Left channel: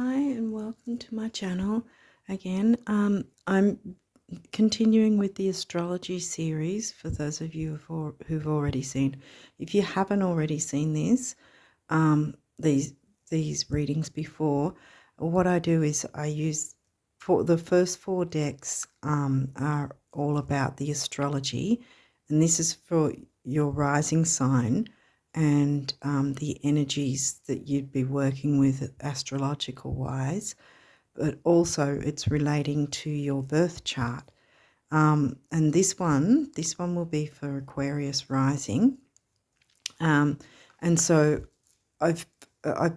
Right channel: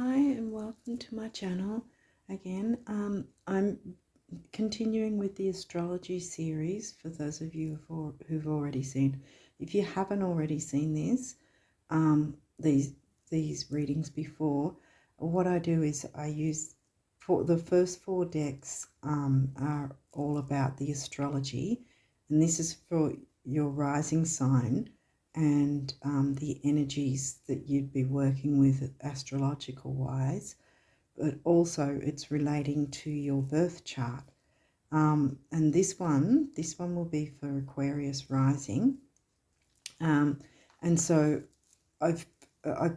Hi and welcome to my channel again. I'm continuing with the astrology series for those of you who've already seen. If you haven't already seen these readings before, what I do is I use for the first four decks are all about the astrology, and this is for your rising sign and the energies that you'd be working with astrological wise, but also it's relating to your birth chart. And this one will be for Aquarius rising. And so I've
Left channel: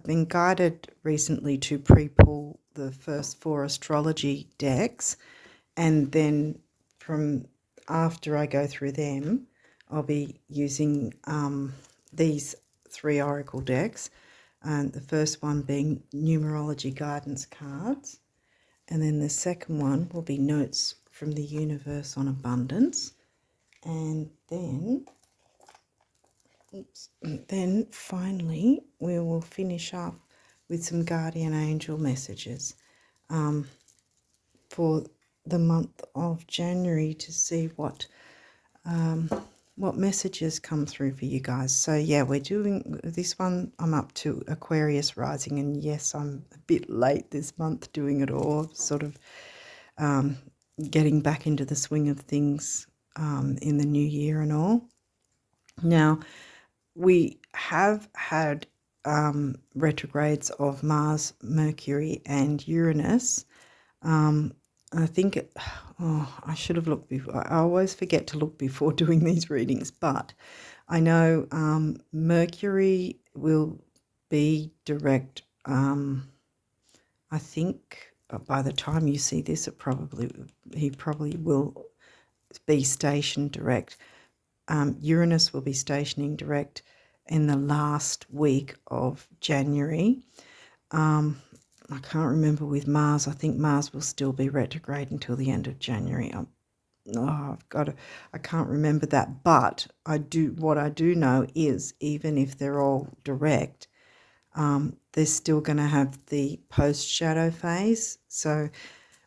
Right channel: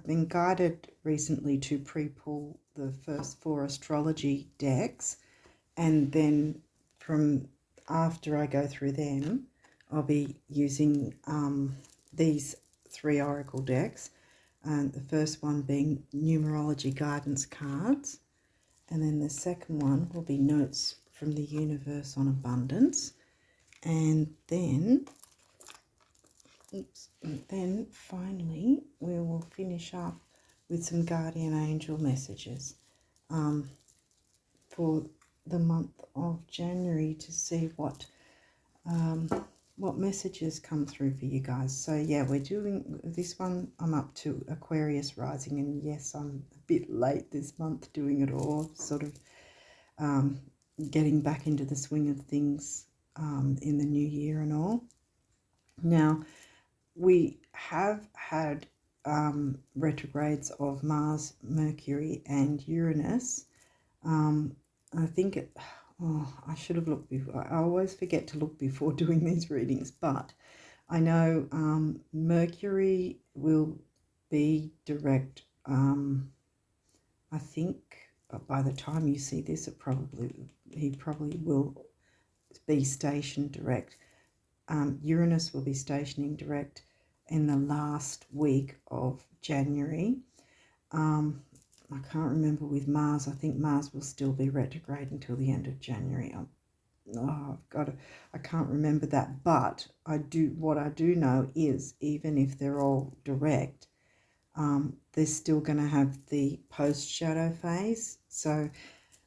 been guided recently to pre-pull the first four astrology decks, and then from after I go through them, I'll be using these three oracle decks, and the first one being numerology guidance cards, and then the second one will be notes from the universe on abundance, and then finally we will finish up with some guardian angel messages for the month of January to see what messages come through for you guys. So yeah, we're doing this one. I'm up to Aquarius rising, and yes, I'm a bit late this month doing it all, sort of getting back into the swing of things in the new year and all. Now, we have had retrogrades of Mars, Mercury and Uranus. I think I should have looked before. I always forget to look before doing these readings, but I know Mercury will be direct. I think by the time you see this, he probably will be stationed direct. Uranus will be stationing direct in the last week of January. I can't remember with Mars. I think Mars will still be retrograde until the end of January. I can't remember that, but what I do know is even if they're all direct, they're still going to have the post-shadow phase. So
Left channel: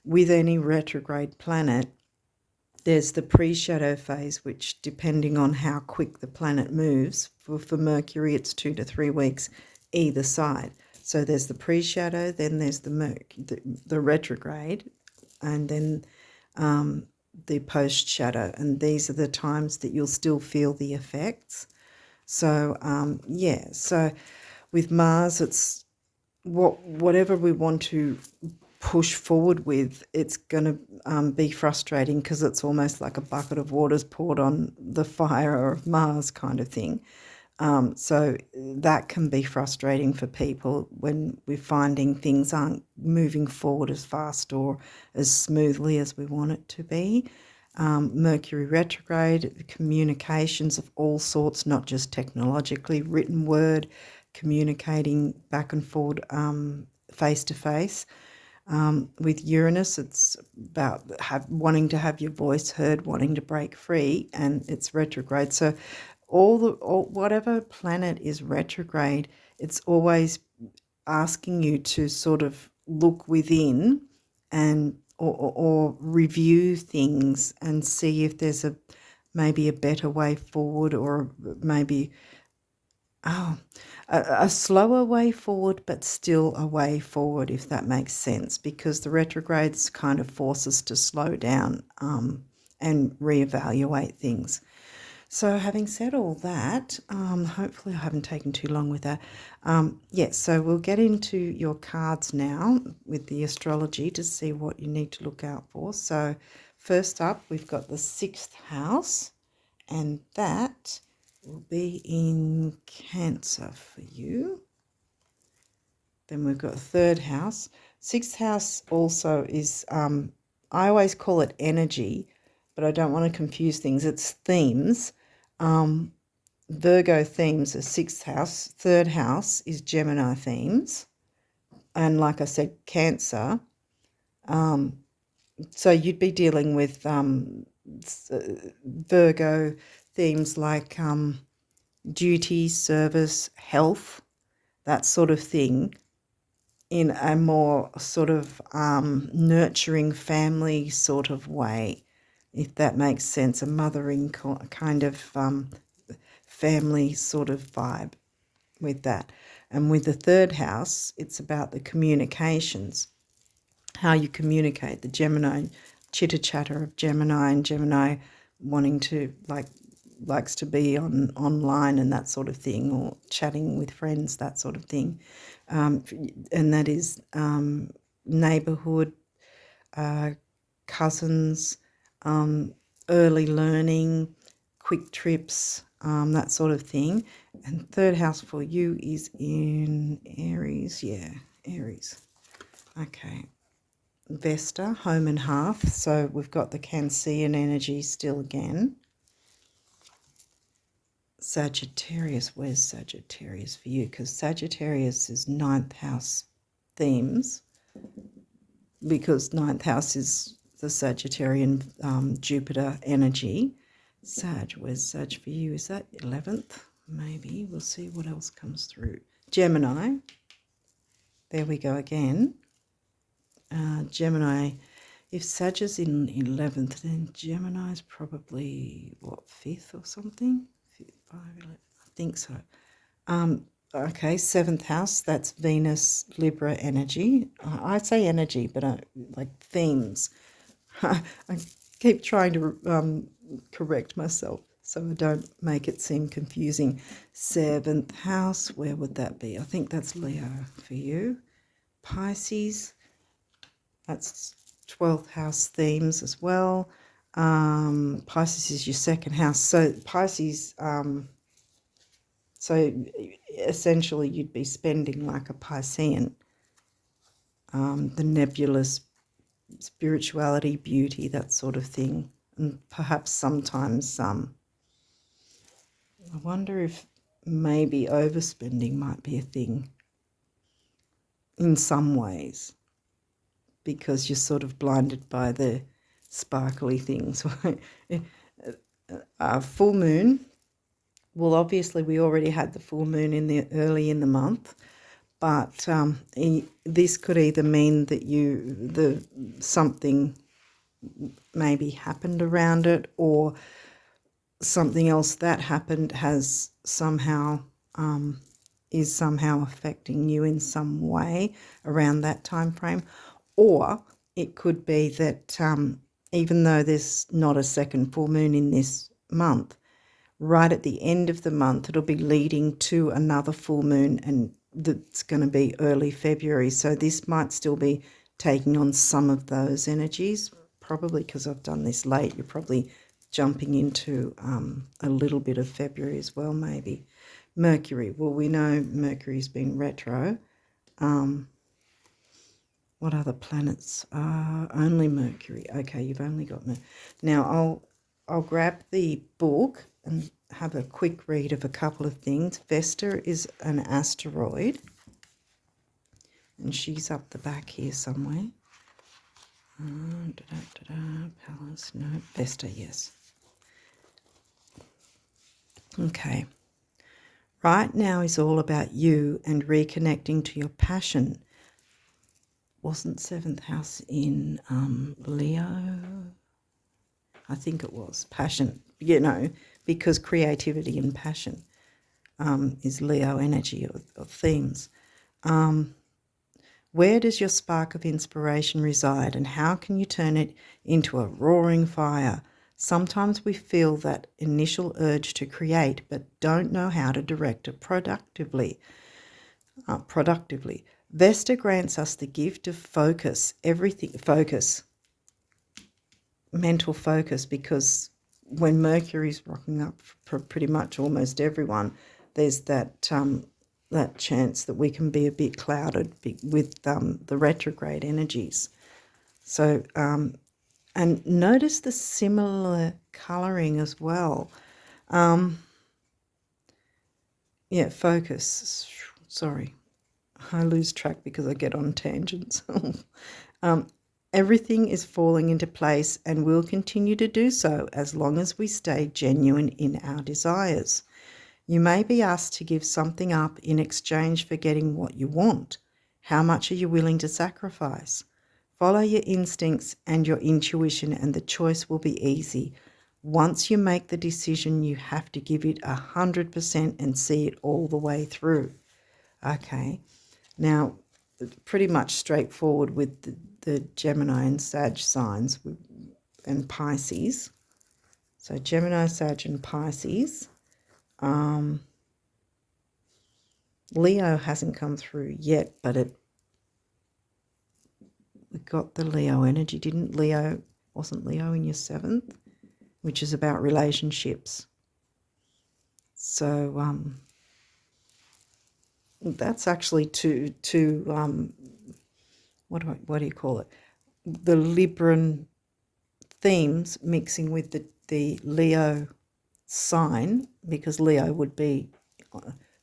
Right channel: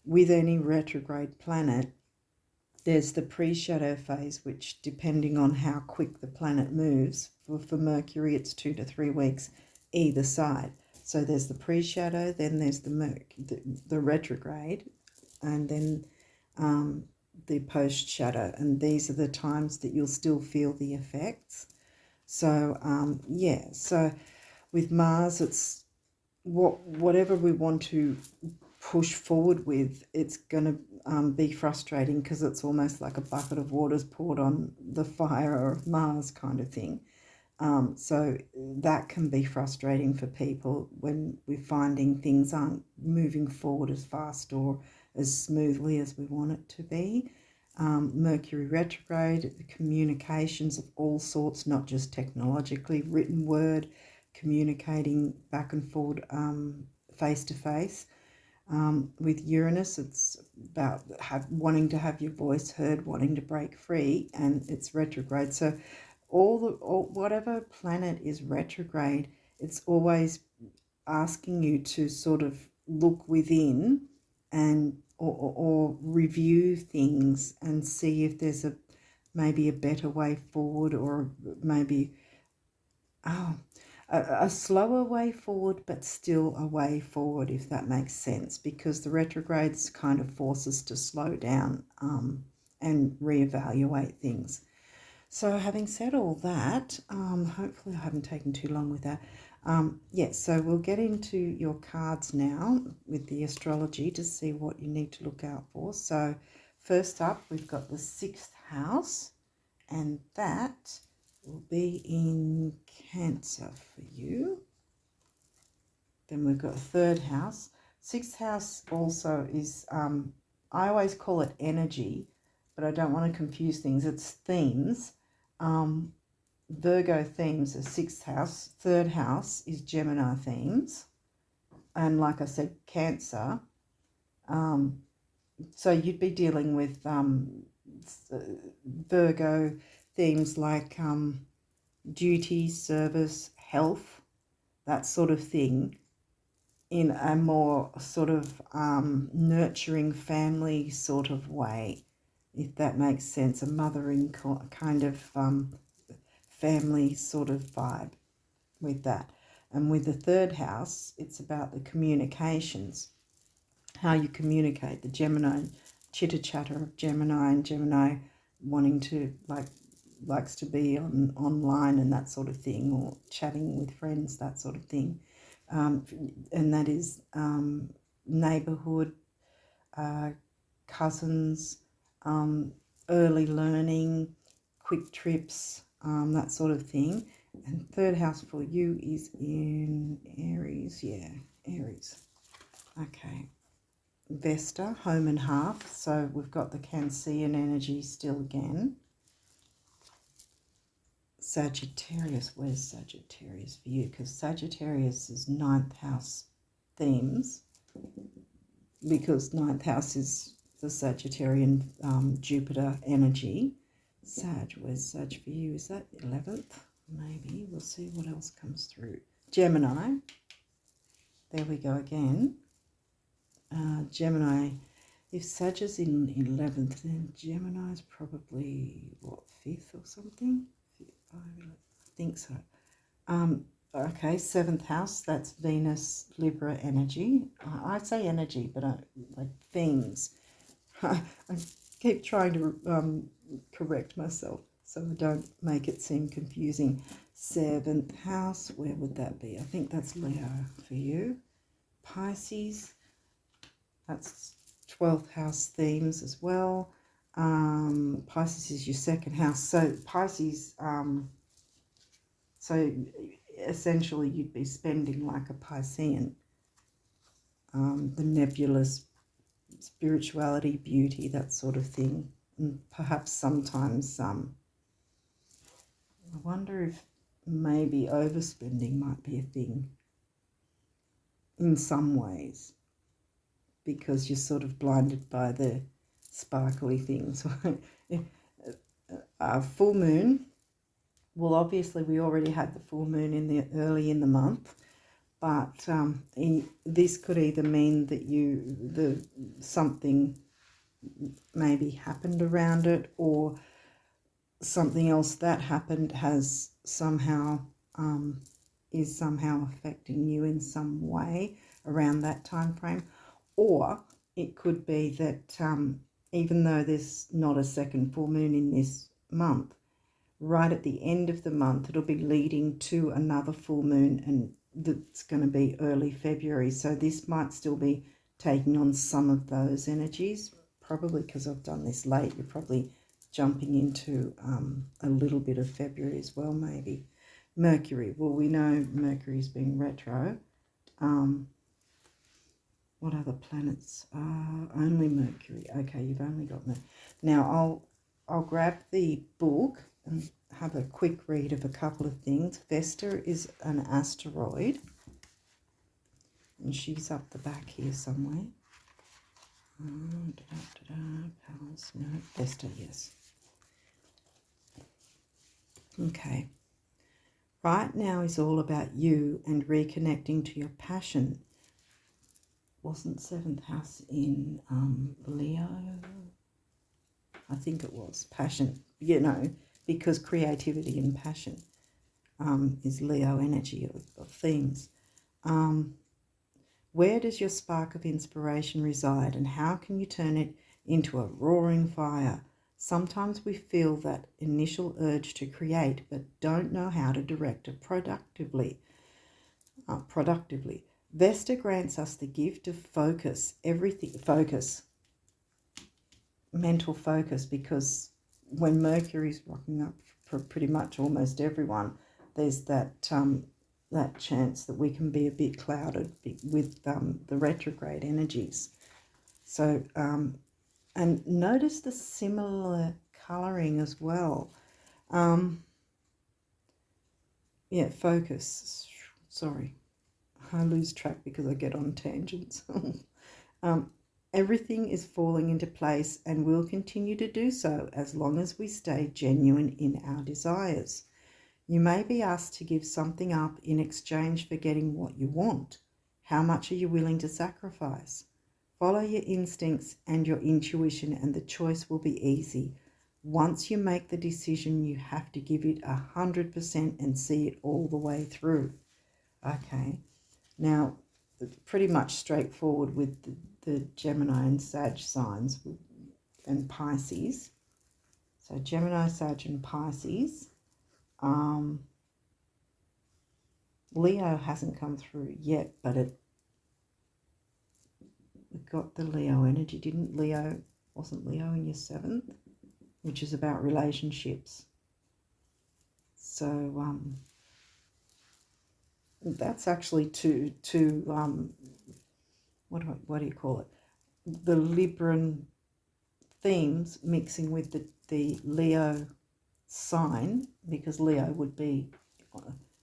with any retrograde planet, there's the pre-shadow phase, which depending on how quick the planet moves, for Mercury it's 2 to 3 weeks either side. So there's the pre-shadow, then there's the retrograde, and then the post-shadow. And these are the times that you'll still feel the effects. So, yeah, so with Mars, it's whatever we want to push forward with, it's going to be frustrating because it's almost like a bucket of water's poured on the fire of Mars kind of thing. So that can be frustrating for people when we're finding things aren't moving forward as fast or as smoothly as we want it to be. Mercury retrograde, communications of all sorts, not just technologically, written word, communicating back and forward, face to face. With Uranus, it's about wanting to have your voice heard, wanting to break free, and it's retrograde. So whatever planet is retrograde, it's always asking you to sort of look within and or review things and see if there's maybe a better way forward, or maybe a slower way forward, but still a way forward, if that makes sense, because the retrogrades kind of force us to slow down and reevaluate things. So having said all that, hopefully I haven't taken too long with that. Yes, so we'll get into your cards now with the astrology to see what you need to look out for. So first up, we've got the 6th house, and that will be in Cancer for you. Then we've got 3rd house. 6th house also is, I always call it energy, but I don't want to confuse things. It's themes. Virgo themes are 6th house. 3rd house is Gemini themes. And like I said, Cancer. So you'd be dealing with Virgo themes like duty, service, health, that sort of thing. in a more sort of nurturing family sort of way, if that makes sense, a mothering kind of family sort of vibe with that. And with the third house, it's about the communications, how you communicate, the Gemini, chitter chatter of Gemini, and Gemini wanting to likes to be online and that sort of thing, or chatting with friends, that sort of thing. And that is neighbourhood, cousins, early learning, quick trips, that sort of thing. And third house for you is in Aries. Yeah, Aries. Okay. Vesta, home and hearth. So we've got the Cancerian energy still again. Sagittarius, where's Sagittarius for you? Because Sagittarius is ninth house themes, because ninth house is the Sagittarian Jupiter energy. Sag, where's Sag for you? Is that 11th? Maybe. We'll see what else comes through. Gemini. There we go again. Gemini. If Sag is in 11th, then Gemini is probably, what, 5th or something? 5, 11, I think so. Okay, 7th house, that's Venus, Libra energy. I say energy, but like themes. I keep trying to correct myself so I don't make it seem confusing. 7th house, where would that be? I think that's Leo for you. Pisces, that's 12th house themes as well. Pisces is your second house. So Pisces, so essentially you'd be spending like a Piscean, the nebulous spirituality, beauty, that sort of thing. And perhaps sometimes I wonder if maybe overspending might be a thing in some ways, because you're sort of blinded by the sparkly things. Full moon. Well, obviously we already had the full moon early in the month, but this could either mean that something maybe happened around it, or something else that happened has somehow is somehow affecting you in some way around that time frame. Or it could be that even though there's not a second full moon in this month, right at the end of the month it'll be leading to another full moon, and that's going to be early February. So this might still be taking on some of those energies, probably because I've done this late. You're probably jumping into a little bit of February as well, maybe. Mercury, well, we know Mercury's been retro. What other planets? Only Mercury. Okay, you've only got Mercury. Now I'll grab the book and have a quick read of a couple of things. Vesta is an asteroid, and she's up the back here somewhere. Palace, no, Vesta, yes. Okay. Right now is all about you and reconnecting to your passion. Wasn't 7th house in Leo? I think it was. Passion, because creativity and passion is Leo energy of themes. Where does your spark of inspiration reside, and how can you turn it into a roaring fire? Sometimes we feel that initial urge to create, but don't know how to direct it productively. Vesta grants us the gift of mental focus, because when Mercury's rocking up for pretty much almost everyone, there's that chance that we can be a bit clouded with the retrograde energies. So, and notice the similar colouring as well. Yeah, focus. Sorry, I lose track because I get on tangents. Everything is falling into place and will continue to do so as long as we stay genuine in our desires. You may be asked to give something up in exchange for getting what you want. How much are you willing to sacrifice? Follow your instincts and your intuition, and the choice will be easy. Once you make the decision, you have to give it 100% and see it all the way through. Okay, now pretty much straightforward with the Gemini and Sag signs and Pisces. So Gemini, Sag and Pisces. Leo hasn't come through yet, but we got the Leo energy, didn't Leo? Wasn't Leo in your 7th, which is about relationships. So that's actually what do you call it? The Libran themes mixing with the Leo sign, because Leo would be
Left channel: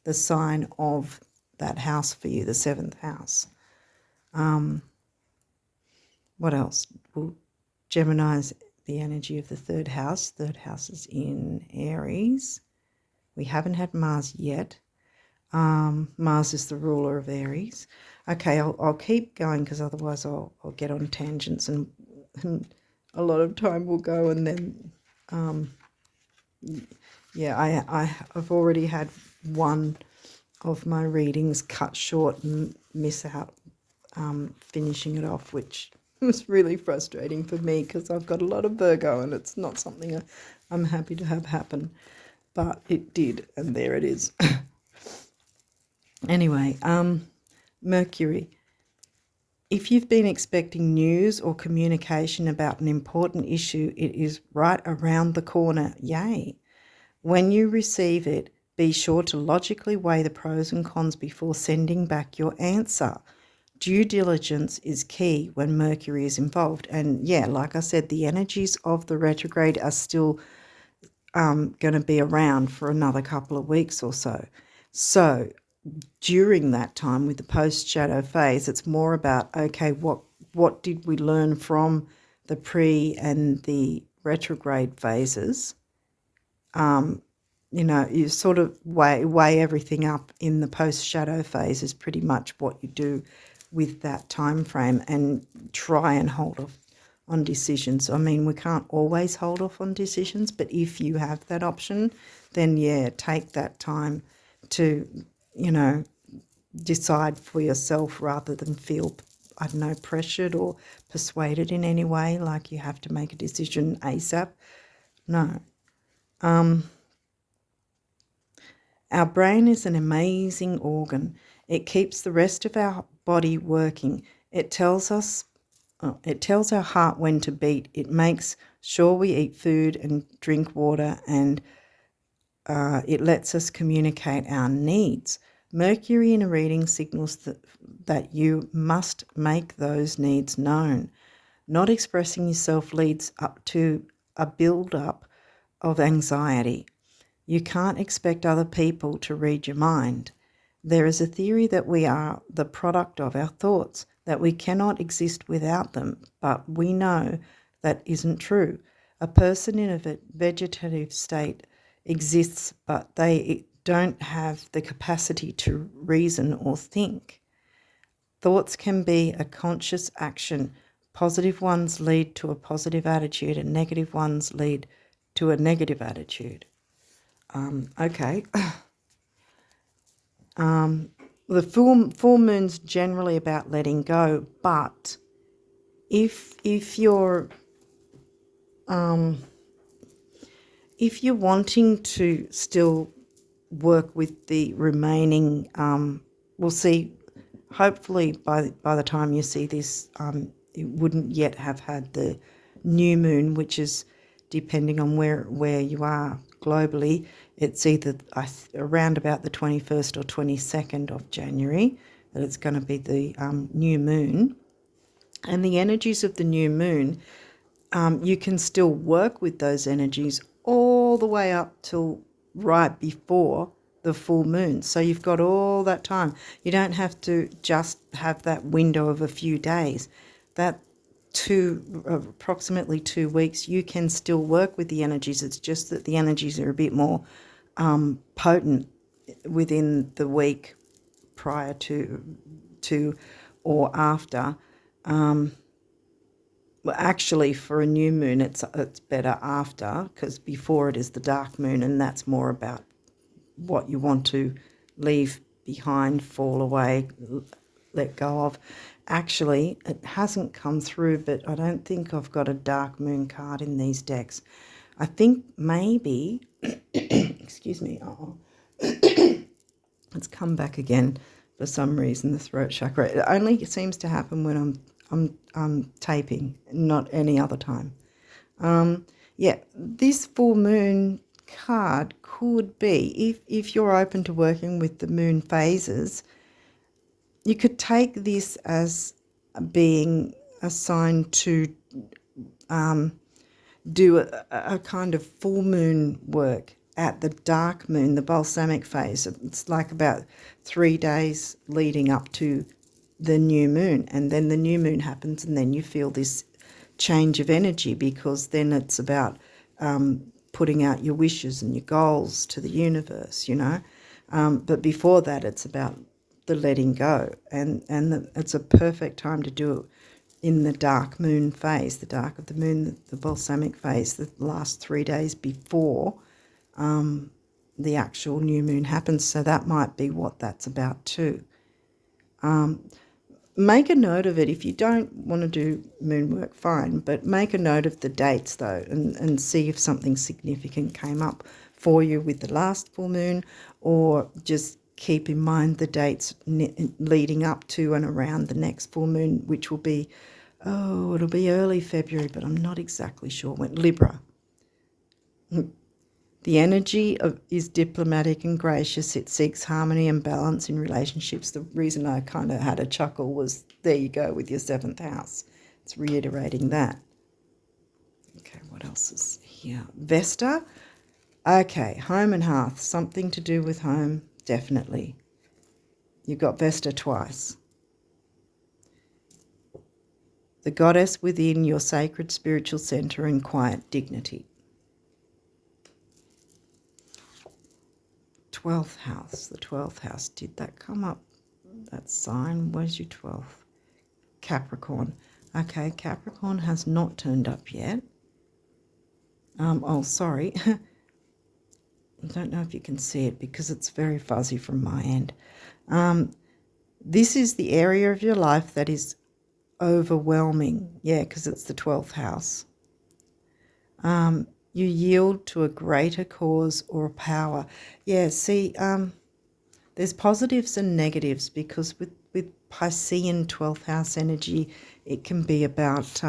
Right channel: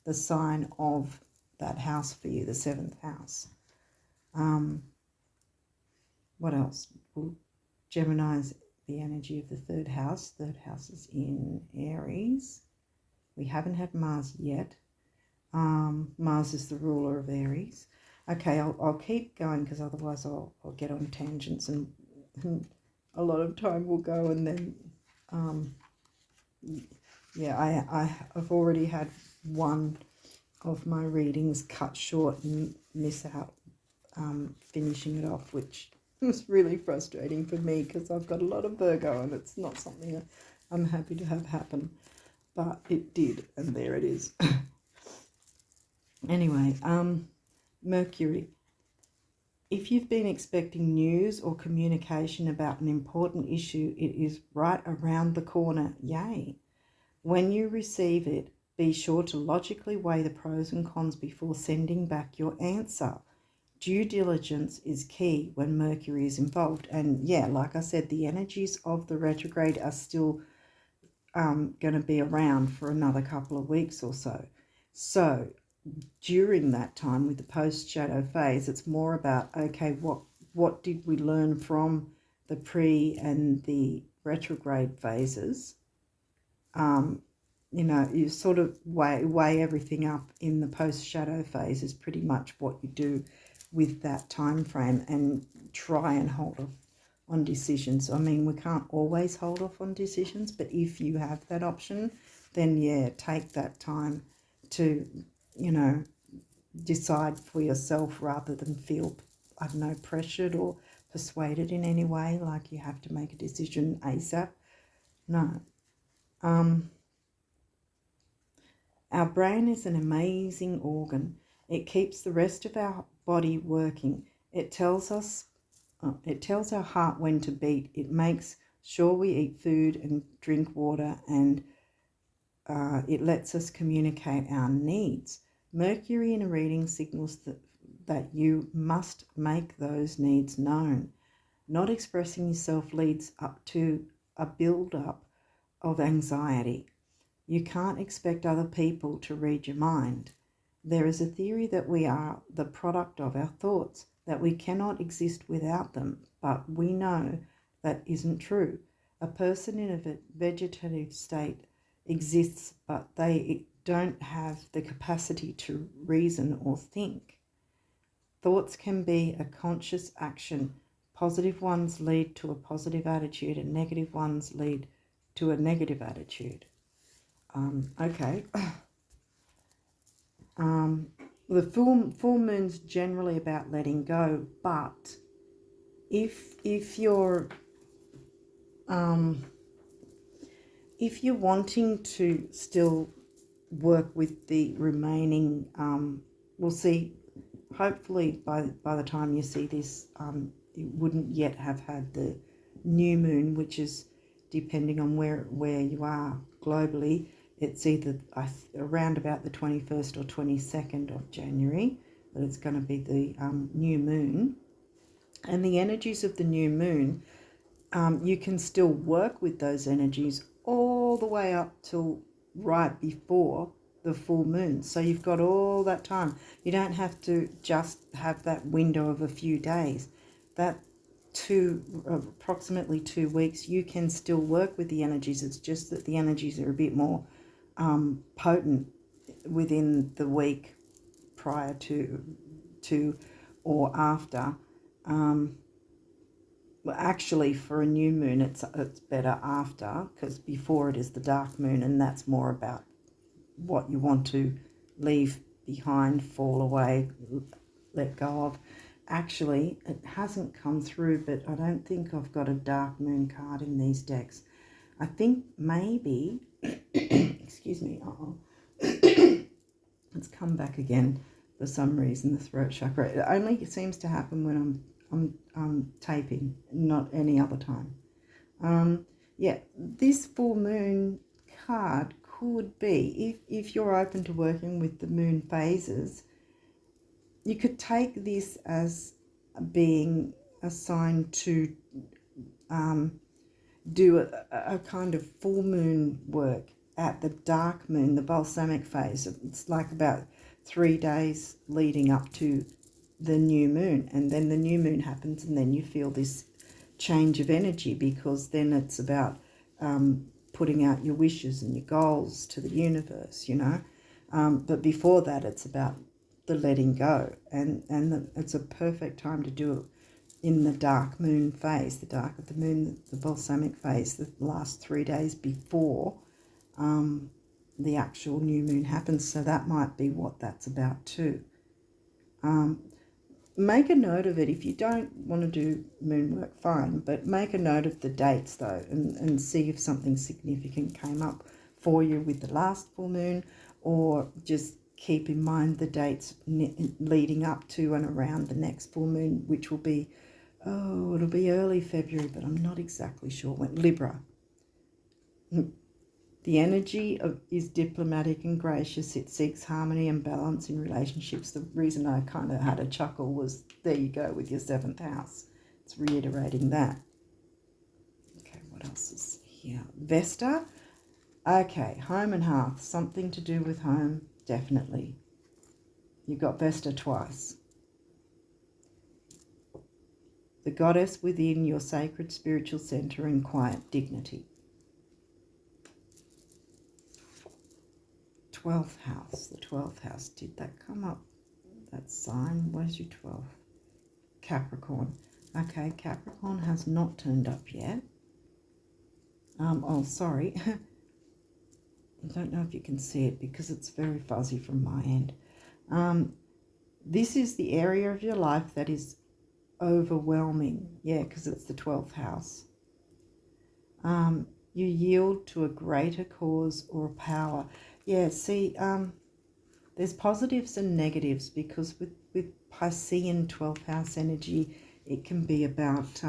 the sign of that house for you, the 7th house. What else? Well, Gemini's the energy of the 3rd house. 3rd house is in Aries. We haven't had Mars yet. Mars is the ruler of Aries. Okay, I'll keep going because otherwise I'll get on tangents and a lot of time will go, and then yeah, I've already had one of my readings cut short and miss out finishing it off, which was really frustrating for me because I've got a lot of Virgo and it's not something I'm happy to have happen, but it did, and there it is. Anyway, Mercury. If you've been expecting news or communication about an important issue, it is right around the corner. Yay. When you receive it, be sure to logically weigh the pros and cons before sending back your answer. Due diligence is key when Mercury is involved. And yeah, like I said, the energies of the retrograde are still going to be around for another couple of weeks or so. So during that time with the post-shadow phase, it's more about, okay, what did we learn from the pre and the retrograde phases? You know, you sort of weigh everything up in the post-shadow phase is pretty much what you do with that time frame, and try and hold off on decisions. I mean, we can't always hold off on decisions, but if you have that option, then yeah, take that time to, you know, decide for yourself rather than feel, I don't know, pressured or persuaded in any way, like you have to make a decision ASAP. No. Our brain is an amazing organ. It keeps the rest of our body working. It tells our heart when to beat. It makes sure we eat food and drink water, and it lets us communicate our needs. Mercury in a reading signals that you must make those needs known. Not expressing yourself leads up to a build-up of anxiety. You can't expect other people to read your mind. There is a theory that we are the product of our thoughts, that we cannot exist without them, but we know that isn't true. A person in a vegetative state exists, but they don't have the capacity to reason or think. Thoughts can be a conscious action. Positive ones lead to a positive attitude, and negative ones lead to a negative attitude. Okay. The full moon's generally about letting go, but if you're wanting to still work with the remaining, we'll see. Hopefully, by the time you see this, it wouldn't yet have had the new moon, which is, depending on where you are globally, it's either around about the 21st or 22nd of January that it's going to be the new moon. And the energies of the new moon, you can still work with those energies all the way up till right before the full moon. So you've got all that time. You don't have to just have that window of a few days. That approximately 2 weeks, you can still work with the energies. It's just that the energies are a bit more potent within the week prior to or after. Well, actually, for a new moon, it's better after, because before it is the dark moon, and that's more about what you want to leave behind, fall away, let go of. Actually, it hasn't come through, but I don't think I've got a dark moon card in these decks. I think maybe, excuse me, it's come back again for some reason, the throat chakra. It only seems to happen when I'm taping, not any other time. Yeah, this full moon card could be, if you're open to working with the moon phases, you could take this as being a sign to do a kind of full moon work at the dark moon, the balsamic phase. It's like about 3 days leading up to the new moon, and then the new moon happens, and then you feel this change of energy, because then it's about putting out your wishes and your goals to the universe, you know. But before that, it's about the letting go, and it's a perfect time to do it in the dark moon phase, the dark of the moon, the balsamic phase, the last 3 days before the actual new moon happens. So that might be what that's about too. Make a note of it. If you don't want to do moon work, fine, but make a note of the dates though, and see if something significant came up for you with the last full moon, or just keep in mind the dates leading up to and around the next full moon, which will be, it'll be early February, but I'm not exactly sure when. Libra. The energy is diplomatic and gracious. It seeks harmony and balance in relationships. The reason I kind of had a chuckle was, there you go with your 7th house. It's reiterating that. Okay, what else is here? Vesta. Okay, home and hearth. Something to do with home, definitely. You've got Vesta twice. The goddess within your sacred spiritual center and quiet dignity. 12th house, the 12th house. Did that come up? That sign, where's your 12th? Capricorn. Okay, Capricorn has not turned up yet. Oh, sorry. I don't know if you can see it because it's very fuzzy from my end. This is the area of your life that is overwhelming. Yeah, because it's the 12th house. You yield to a greater cause or power. Yeah, see, there's positives and negatives, because with Piscean 12th house energy, it can be about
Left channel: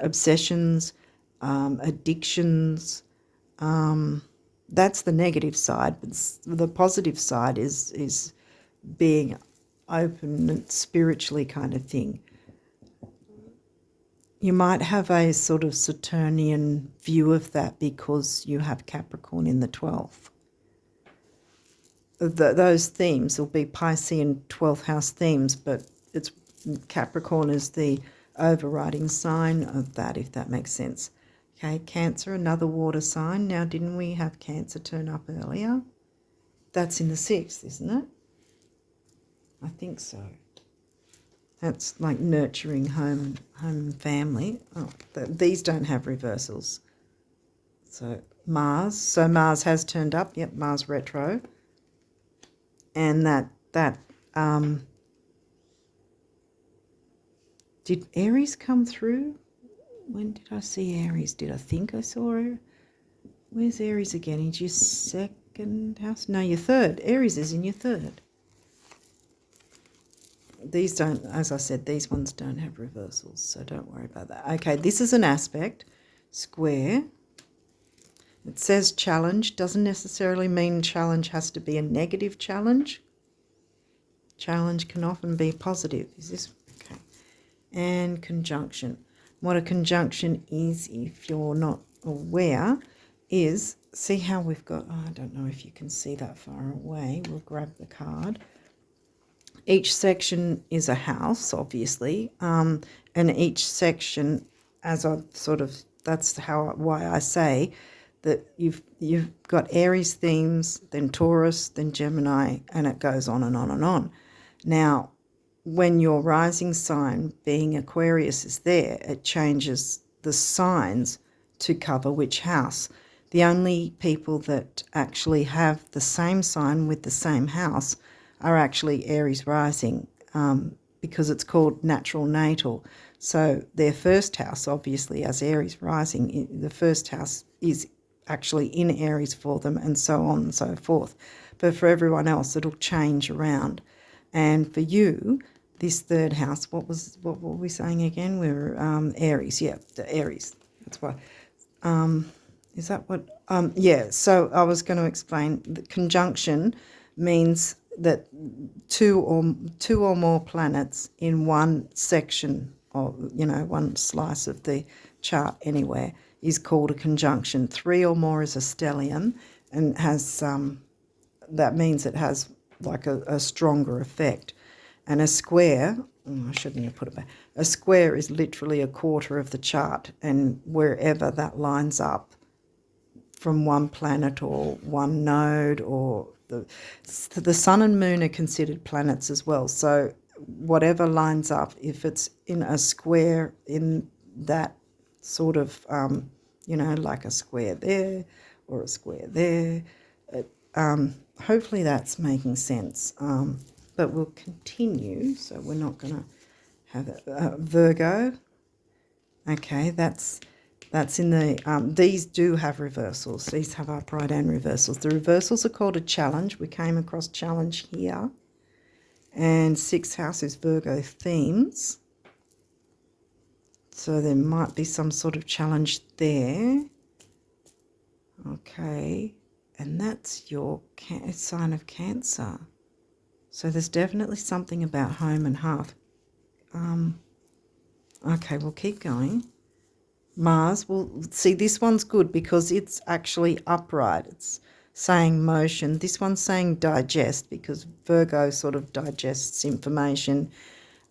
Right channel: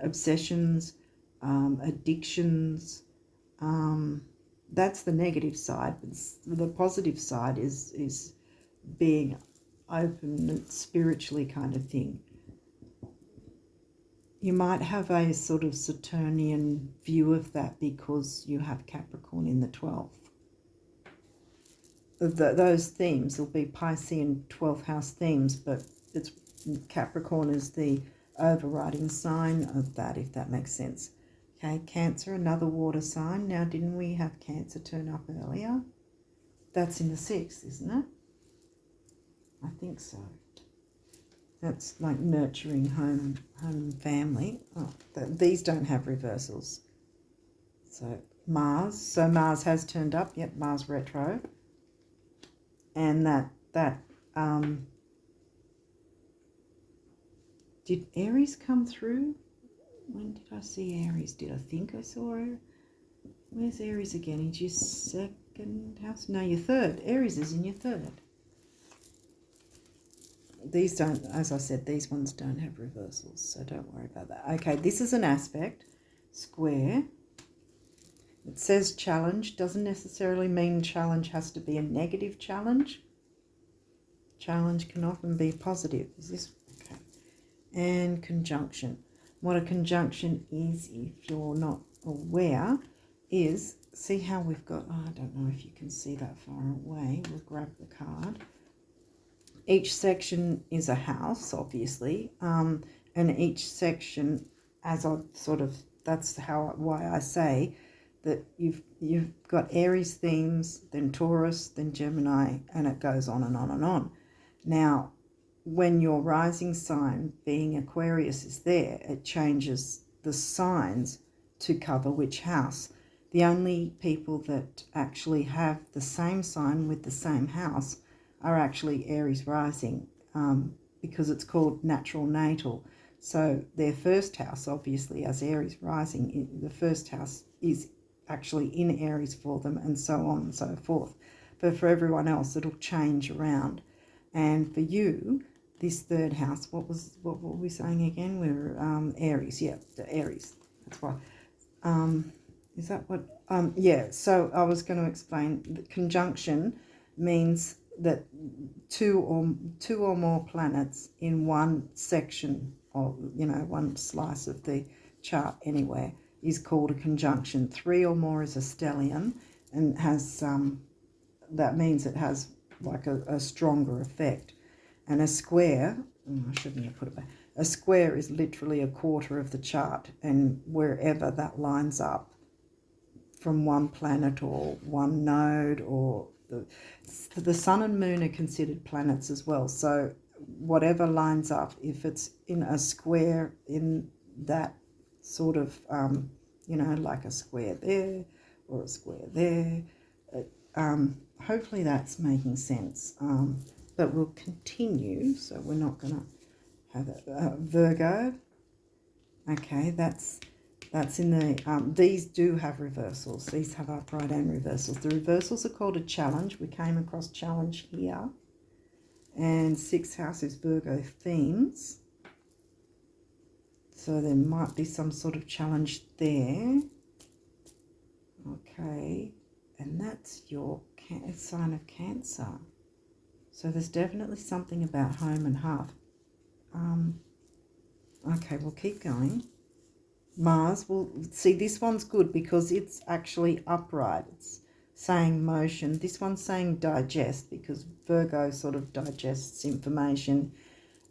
obsessions, addictions. That's the negative side. But the positive side is being open and spiritually kind of thing. You might have a sort of Saturnian view of that because you have Capricorn in the 12th. Those themes will be Piscean 12th house themes, but it's Capricorn is the overriding sign of that, if that makes sense. Okay, Cancer, another water sign. Now, didn't we have Cancer turn up earlier? That's in the 6th, isn't it? I think so. That's like nurturing home and family. Oh, these don't have reversals. So Mars. So Mars has turned up. Yep, Mars retro. And that did Aries come through? When did I see Aries? Did I think I saw her? Where's Aries again? Is your 2nd house? No, your 3rd. Aries is in your 3rd. These don't, as I said, these ones don't have reversals, so don't worry about that. Okay, this is an aspect, square. It says challenge. Doesn't necessarily mean challenge has to be a negative challenge. Challenge can often be positive. Is this okay? And conjunction. What a conjunction is, if you're not aware, is, see how we've got, I don't know if you can see that far away. We'll grab the card. Each section is a house, obviously, and each section, as I've sort of, that's why I say that you've got Aries themes, then Taurus, then Gemini, and it goes on and on and on. Now, when your rising sign, being Aquarius, is there, it changes the signs to cover which house. The only people that actually have the same sign with the same house are actually Aries rising, because it's called natural natal. So their first house, obviously, as Aries rising, the first house is actually in Aries for them, and so on and so forth. But for everyone else, it'll change around. And for you, this third house, what were we saying again? We were Aries, yeah, the Aries. That's why. Is that what? Yeah. So I was going to explain. The conjunction means that two or more planets in one section, or one slice of the chart anywhere, is called a conjunction. 3 or more is a stellium, and has that means it has like a stronger effect. And a square, I shouldn't have put it back. A square is literally a quarter of the chart, and wherever that lines up from one planet or one node, or the sun and moon are considered planets as well. So whatever lines up, if it's in a square in that sort of, like a square there or a square there, hopefully that's making sense. But we'll continue, so we're not going to have Virgo. Okay, that's in the, these do have reversals. These have upright and reversals. The reversals are called a challenge. We came across challenge here. And 6th house is Virgo themes. So there might be some sort of challenge there. Okay, and that's your sign of Cancer. So there's definitely something about home and hearth. Okay, we'll keep going. Mars, well, see, this one's good because it's actually upright. It's saying motion. This one's saying digest, because Virgo sort of digests information.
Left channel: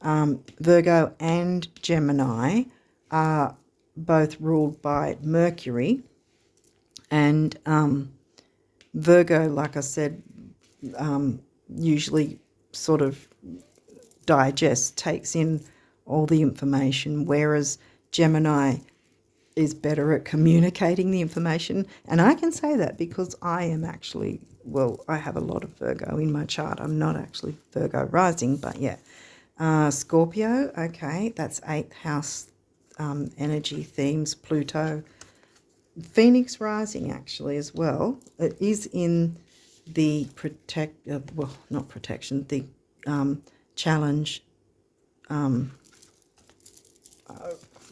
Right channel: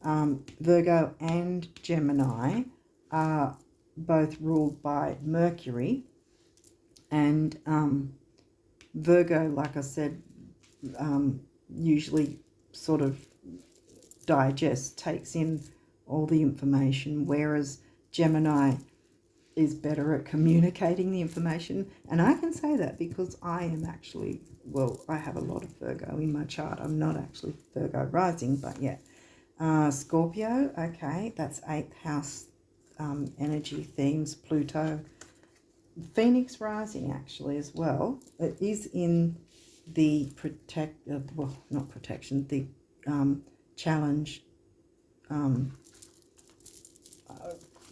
Virgo and Gemini are both ruled by Mercury. And Virgo, like I said, usually sort of digests, takes in all the information, whereas Gemini is better at communicating the information. And I can say that because I am actually, well, I have a lot of Virgo in my chart. I'm not actually Virgo rising, but yeah. Scorpio, okay, that's 8th house energy themes, Pluto. Phoenix rising actually as well. It is in the the challenge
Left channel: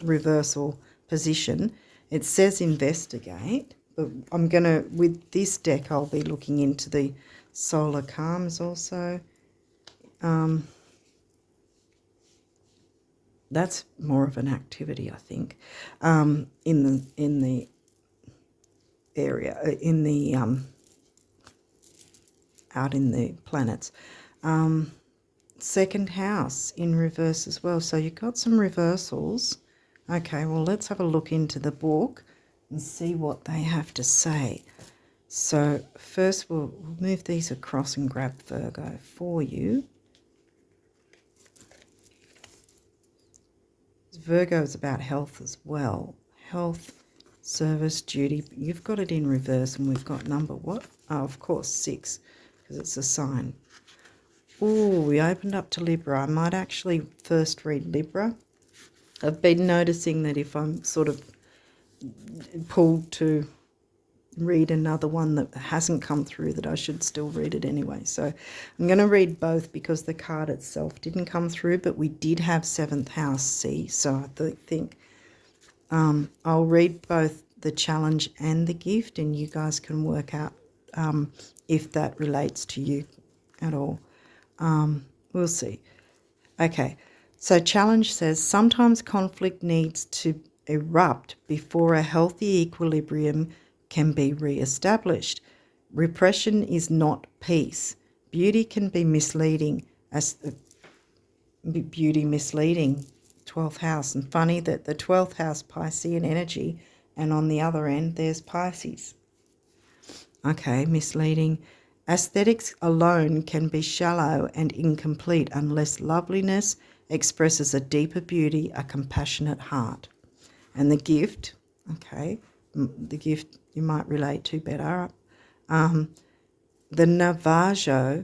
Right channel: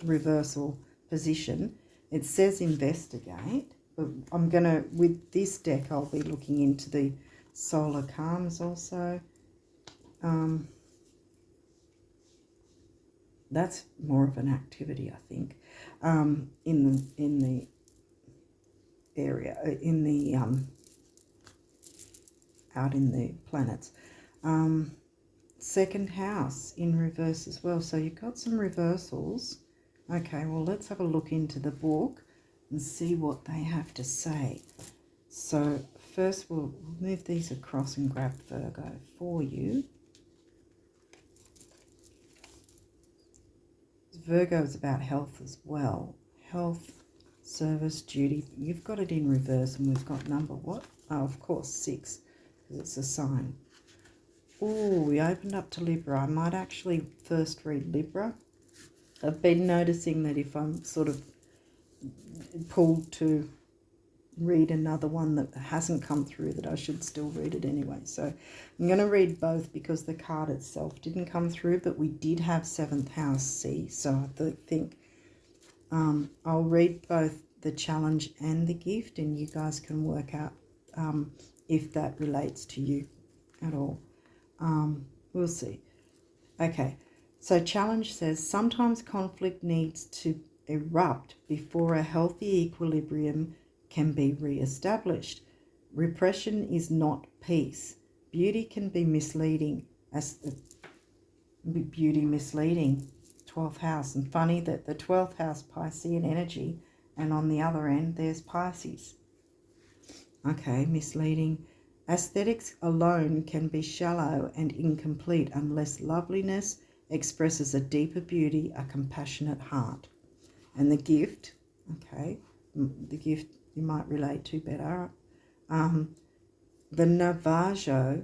reversal position. It says investigate, but I'm going to, with this deck, I'll be looking into the solar calms also. That's more of an activity, I think, in the area, in the out in the planets. 2nd house in reverse as well. So you've got some reversals. Okay, well, let's have a look into the book and see what they have to say. So first we'll move these across and grab Virgo for you. Virgo is about health as well. Health, service, duty. You've got it in reverse, and we've got number what? Oh, of course, 6, because it's a sign. Oh, we opened up to Libra. I might actually first read Libra. I've been noticing that if I'm sort of pulled to read another one that hasn't come through, that I should still read it anyway. So I'm going to read both because the card itself didn't come through, but we did have 7th house C. So I think I'll read both the challenge and the gift, and you guys can work out if that relates to you at all. We'll see. Okay, so challenge says sometimes conflict needs to erupt before a healthy equilibrium can be re-established. Repression is not peace. Beauty can be misleading, beauty misleading. 12th house, and funny that the 12th house Piscean energy, and on the other end there's Pisces. Okay, misleading. Aesthetics alone can be shallow and incomplete unless loveliness expresses a deeper beauty, a compassionate heart. And the gift, okay, the gift you might relate to better. The Navajo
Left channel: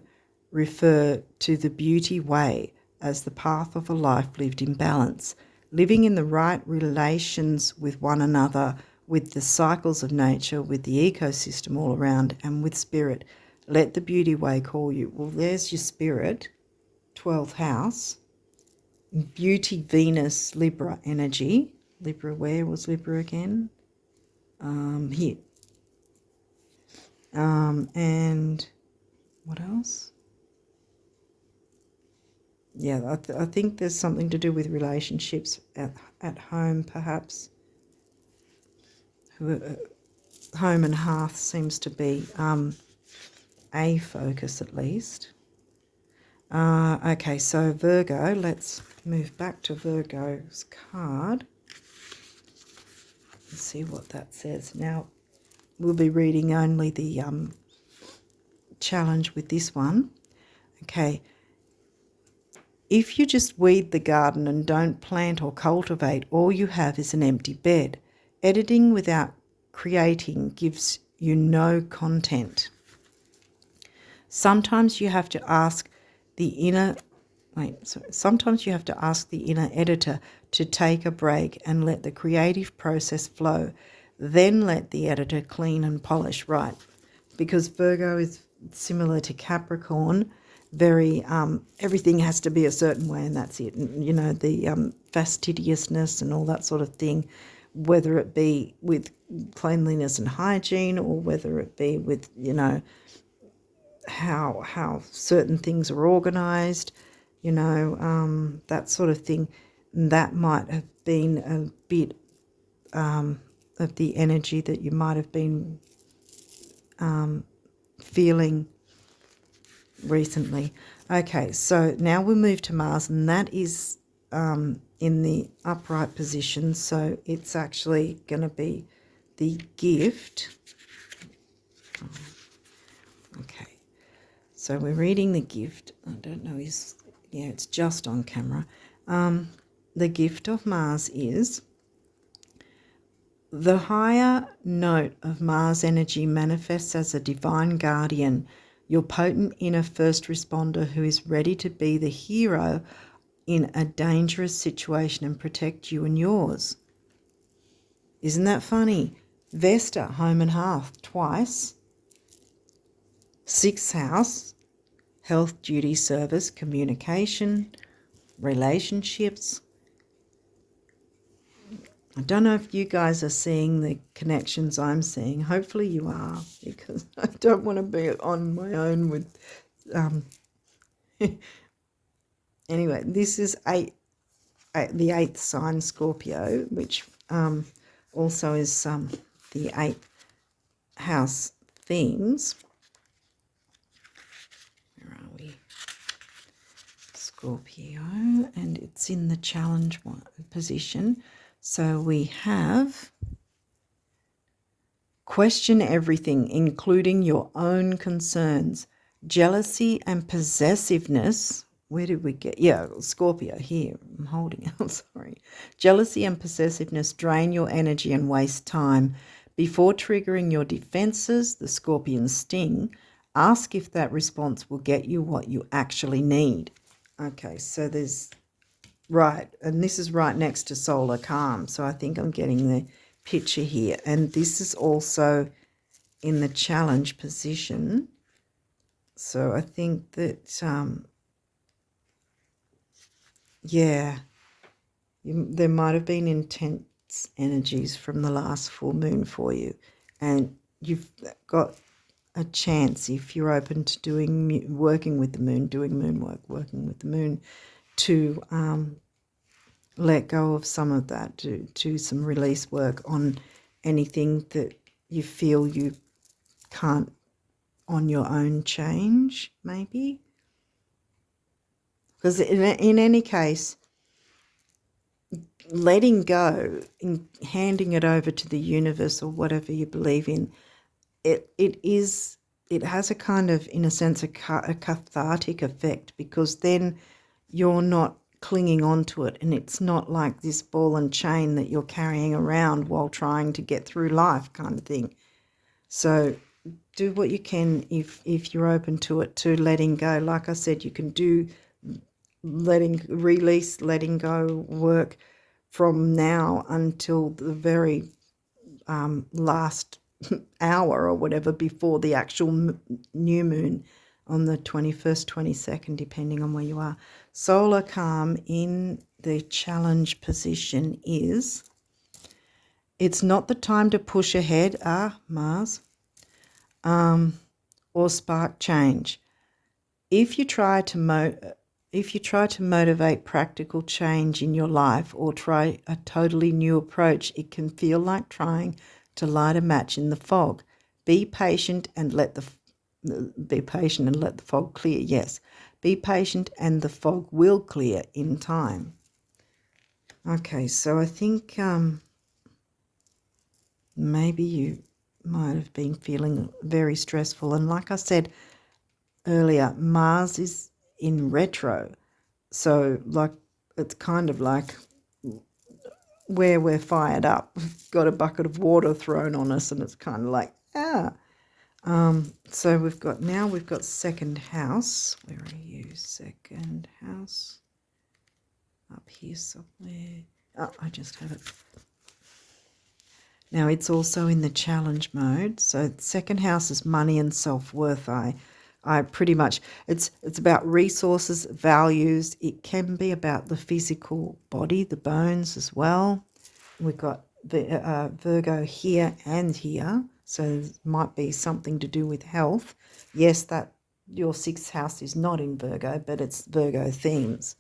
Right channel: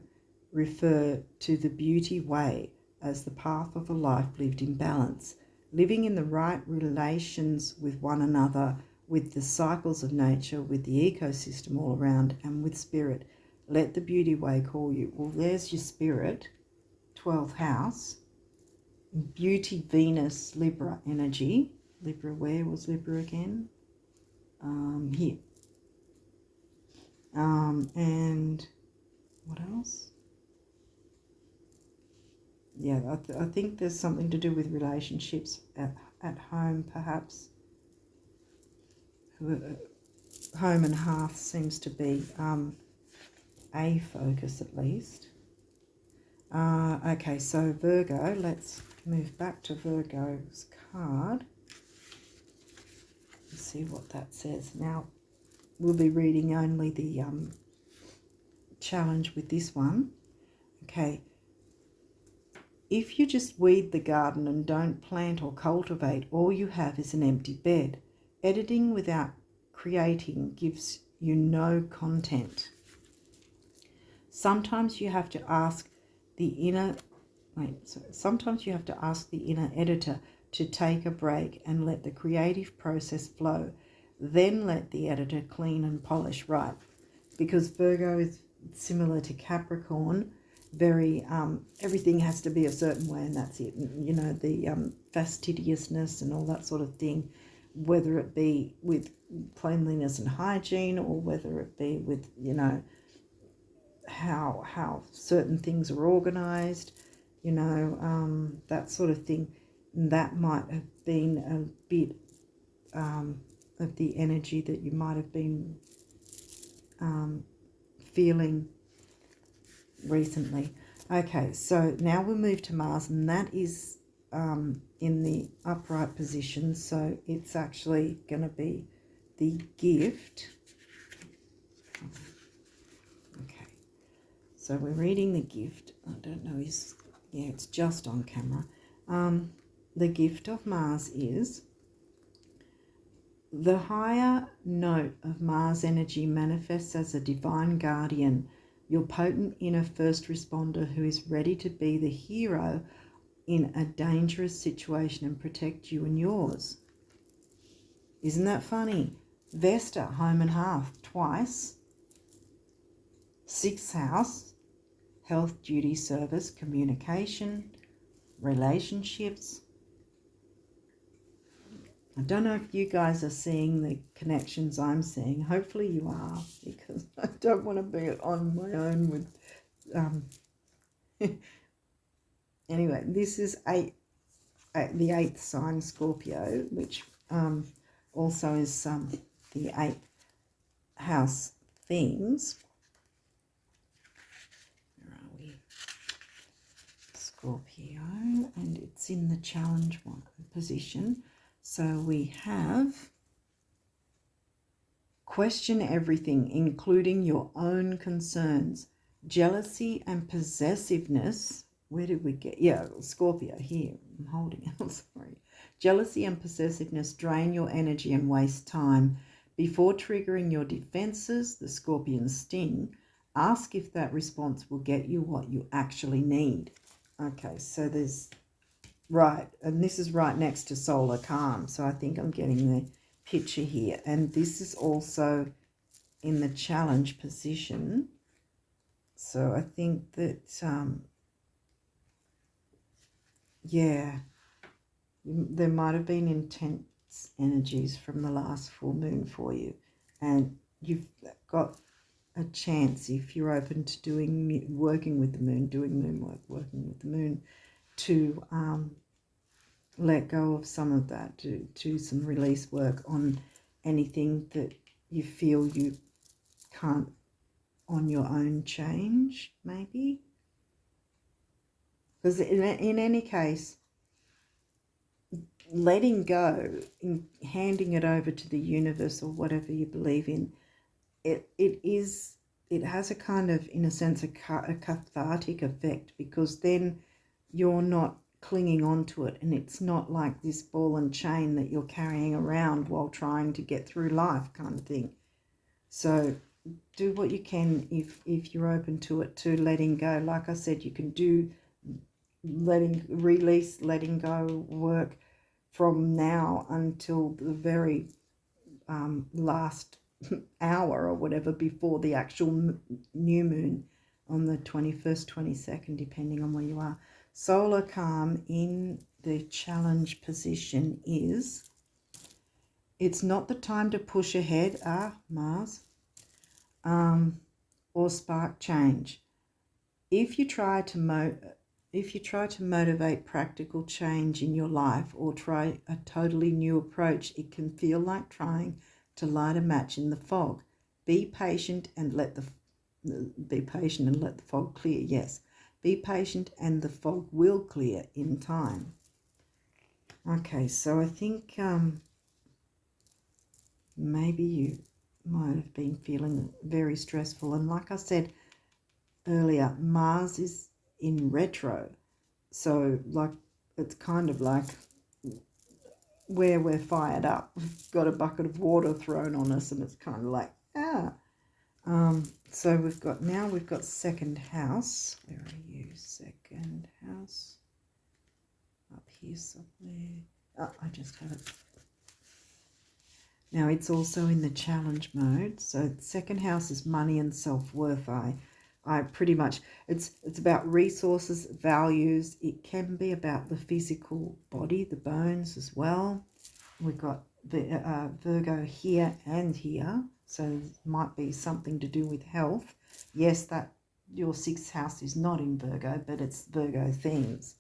refer to the beauty way as the path of a life lived in balance, living in the right relations with one another, with the cycles of nature, with the ecosystem all around, and with spirit. Let the beauty way call you. Well, there's your spirit, 12th house, beauty, Venus, Libra energy. Libra, where was Libra again? Here. And what else? Yeah, I think there's something to do with relationships at home, perhaps. Home and hearth seems to be a focus at least. Okay, so Virgo, let's move back to Virgo's card. Let's see what that says. Now, we'll be reading only the challenge with this one. Okay. If you just weed the garden and don't plant or cultivate, all you have is an empty bed. Editing without creating gives you no content. Sometimes you have to ask the inner editor to take a break and let the creative process flow. Then let the editor clean and polish. Right. Because Virgo is similar to Capricorn, very everything has to be a certain way, and that's it. And, you know, the fastidiousness and all that sort of thing, whether it be with cleanliness and hygiene, or whether it be with, you know, how certain things are organized, you know, that sort of thing. That might have been a bit of the energy that you might have been feeling recently. Okay, so now we'll move to Mars, and that is in the upright position, so it's actually going to be the gift. Okay, so we're reading the gift. I don't know, it's just on camera. The gift of Mars is: the higher note of Mars energy manifests as a divine guardian, your potent inner first responder who is ready to be the hero in a dangerous situation and protect you and yours. Isn't that funny? Vesta, home and hearth, twice. 6th house, health, duty, service, communication, relationships. I don't know if you guys are seeing the connections I'm seeing. Hopefully you are, because I don't want to be on my own with... Anyway, this is the 8th sign, Scorpio, which also is the 8th house themes. Where are we? Scorpio, and it's in the challenge position. So we have: question everything, including your own concerns. Jealousy and possessiveness. Where did we get? Yeah, Scorpio here. I'm holding out, sorry. Jealousy and possessiveness drain your energy and waste time. Before triggering your defenses, the scorpion sting, ask if that response will get you what you actually need. Okay, so there's... Right, and this is right next to solar calm, so I think I'm getting the picture here. And this is also in the challenge position. So I think that, there might have been intense energies from the last full moon for you. And you've got a chance, if you're open to working with the moon, doing moon work, working with the moon, to let go of some of that, do some release work on anything that you feel you can't on your own change, maybe. Because in any case, letting go, in handing it over to the universe or whatever you believe in, it's it has a kind of, in a sense, a cathartic effect, because then you're not clinging on to it, and it's not like this ball and chain that you're carrying around while trying to get through life kind of thing. So do what you can if you're open to it, to letting go. Like I said, you can do letting go work from now until the very last hour or whatever before the actual new moon on the 21st, 22nd, depending on where you are. Solar calm in the challenge position is, it's not the time to push ahead, Mars, or spark change. If you try to motivate practical change in your life or try a totally new approach, it can feel like trying to light a match in the fog. Be patient and let the fog clear. Yes, be patient and the fog will clear in time. Okay, so I think maybe you might have been feeling very stressful, and like I said earlier, Mars is in retro, so like it's kind of like where we're fired up, we've got a bucket of water thrown on us, and it's kind of like so we've got second house. Where are you? Second house up here somewhere. I just have it. Now it's also in the challenge mode. So second house is money and self-worth. I pretty much, it's about resources, values. It can be about the physical body, the bones as well. We've got the Virgo here and here, so it might be something to do with health. Yes, that your sixth house is not in Virgo, but it's Virgo themes.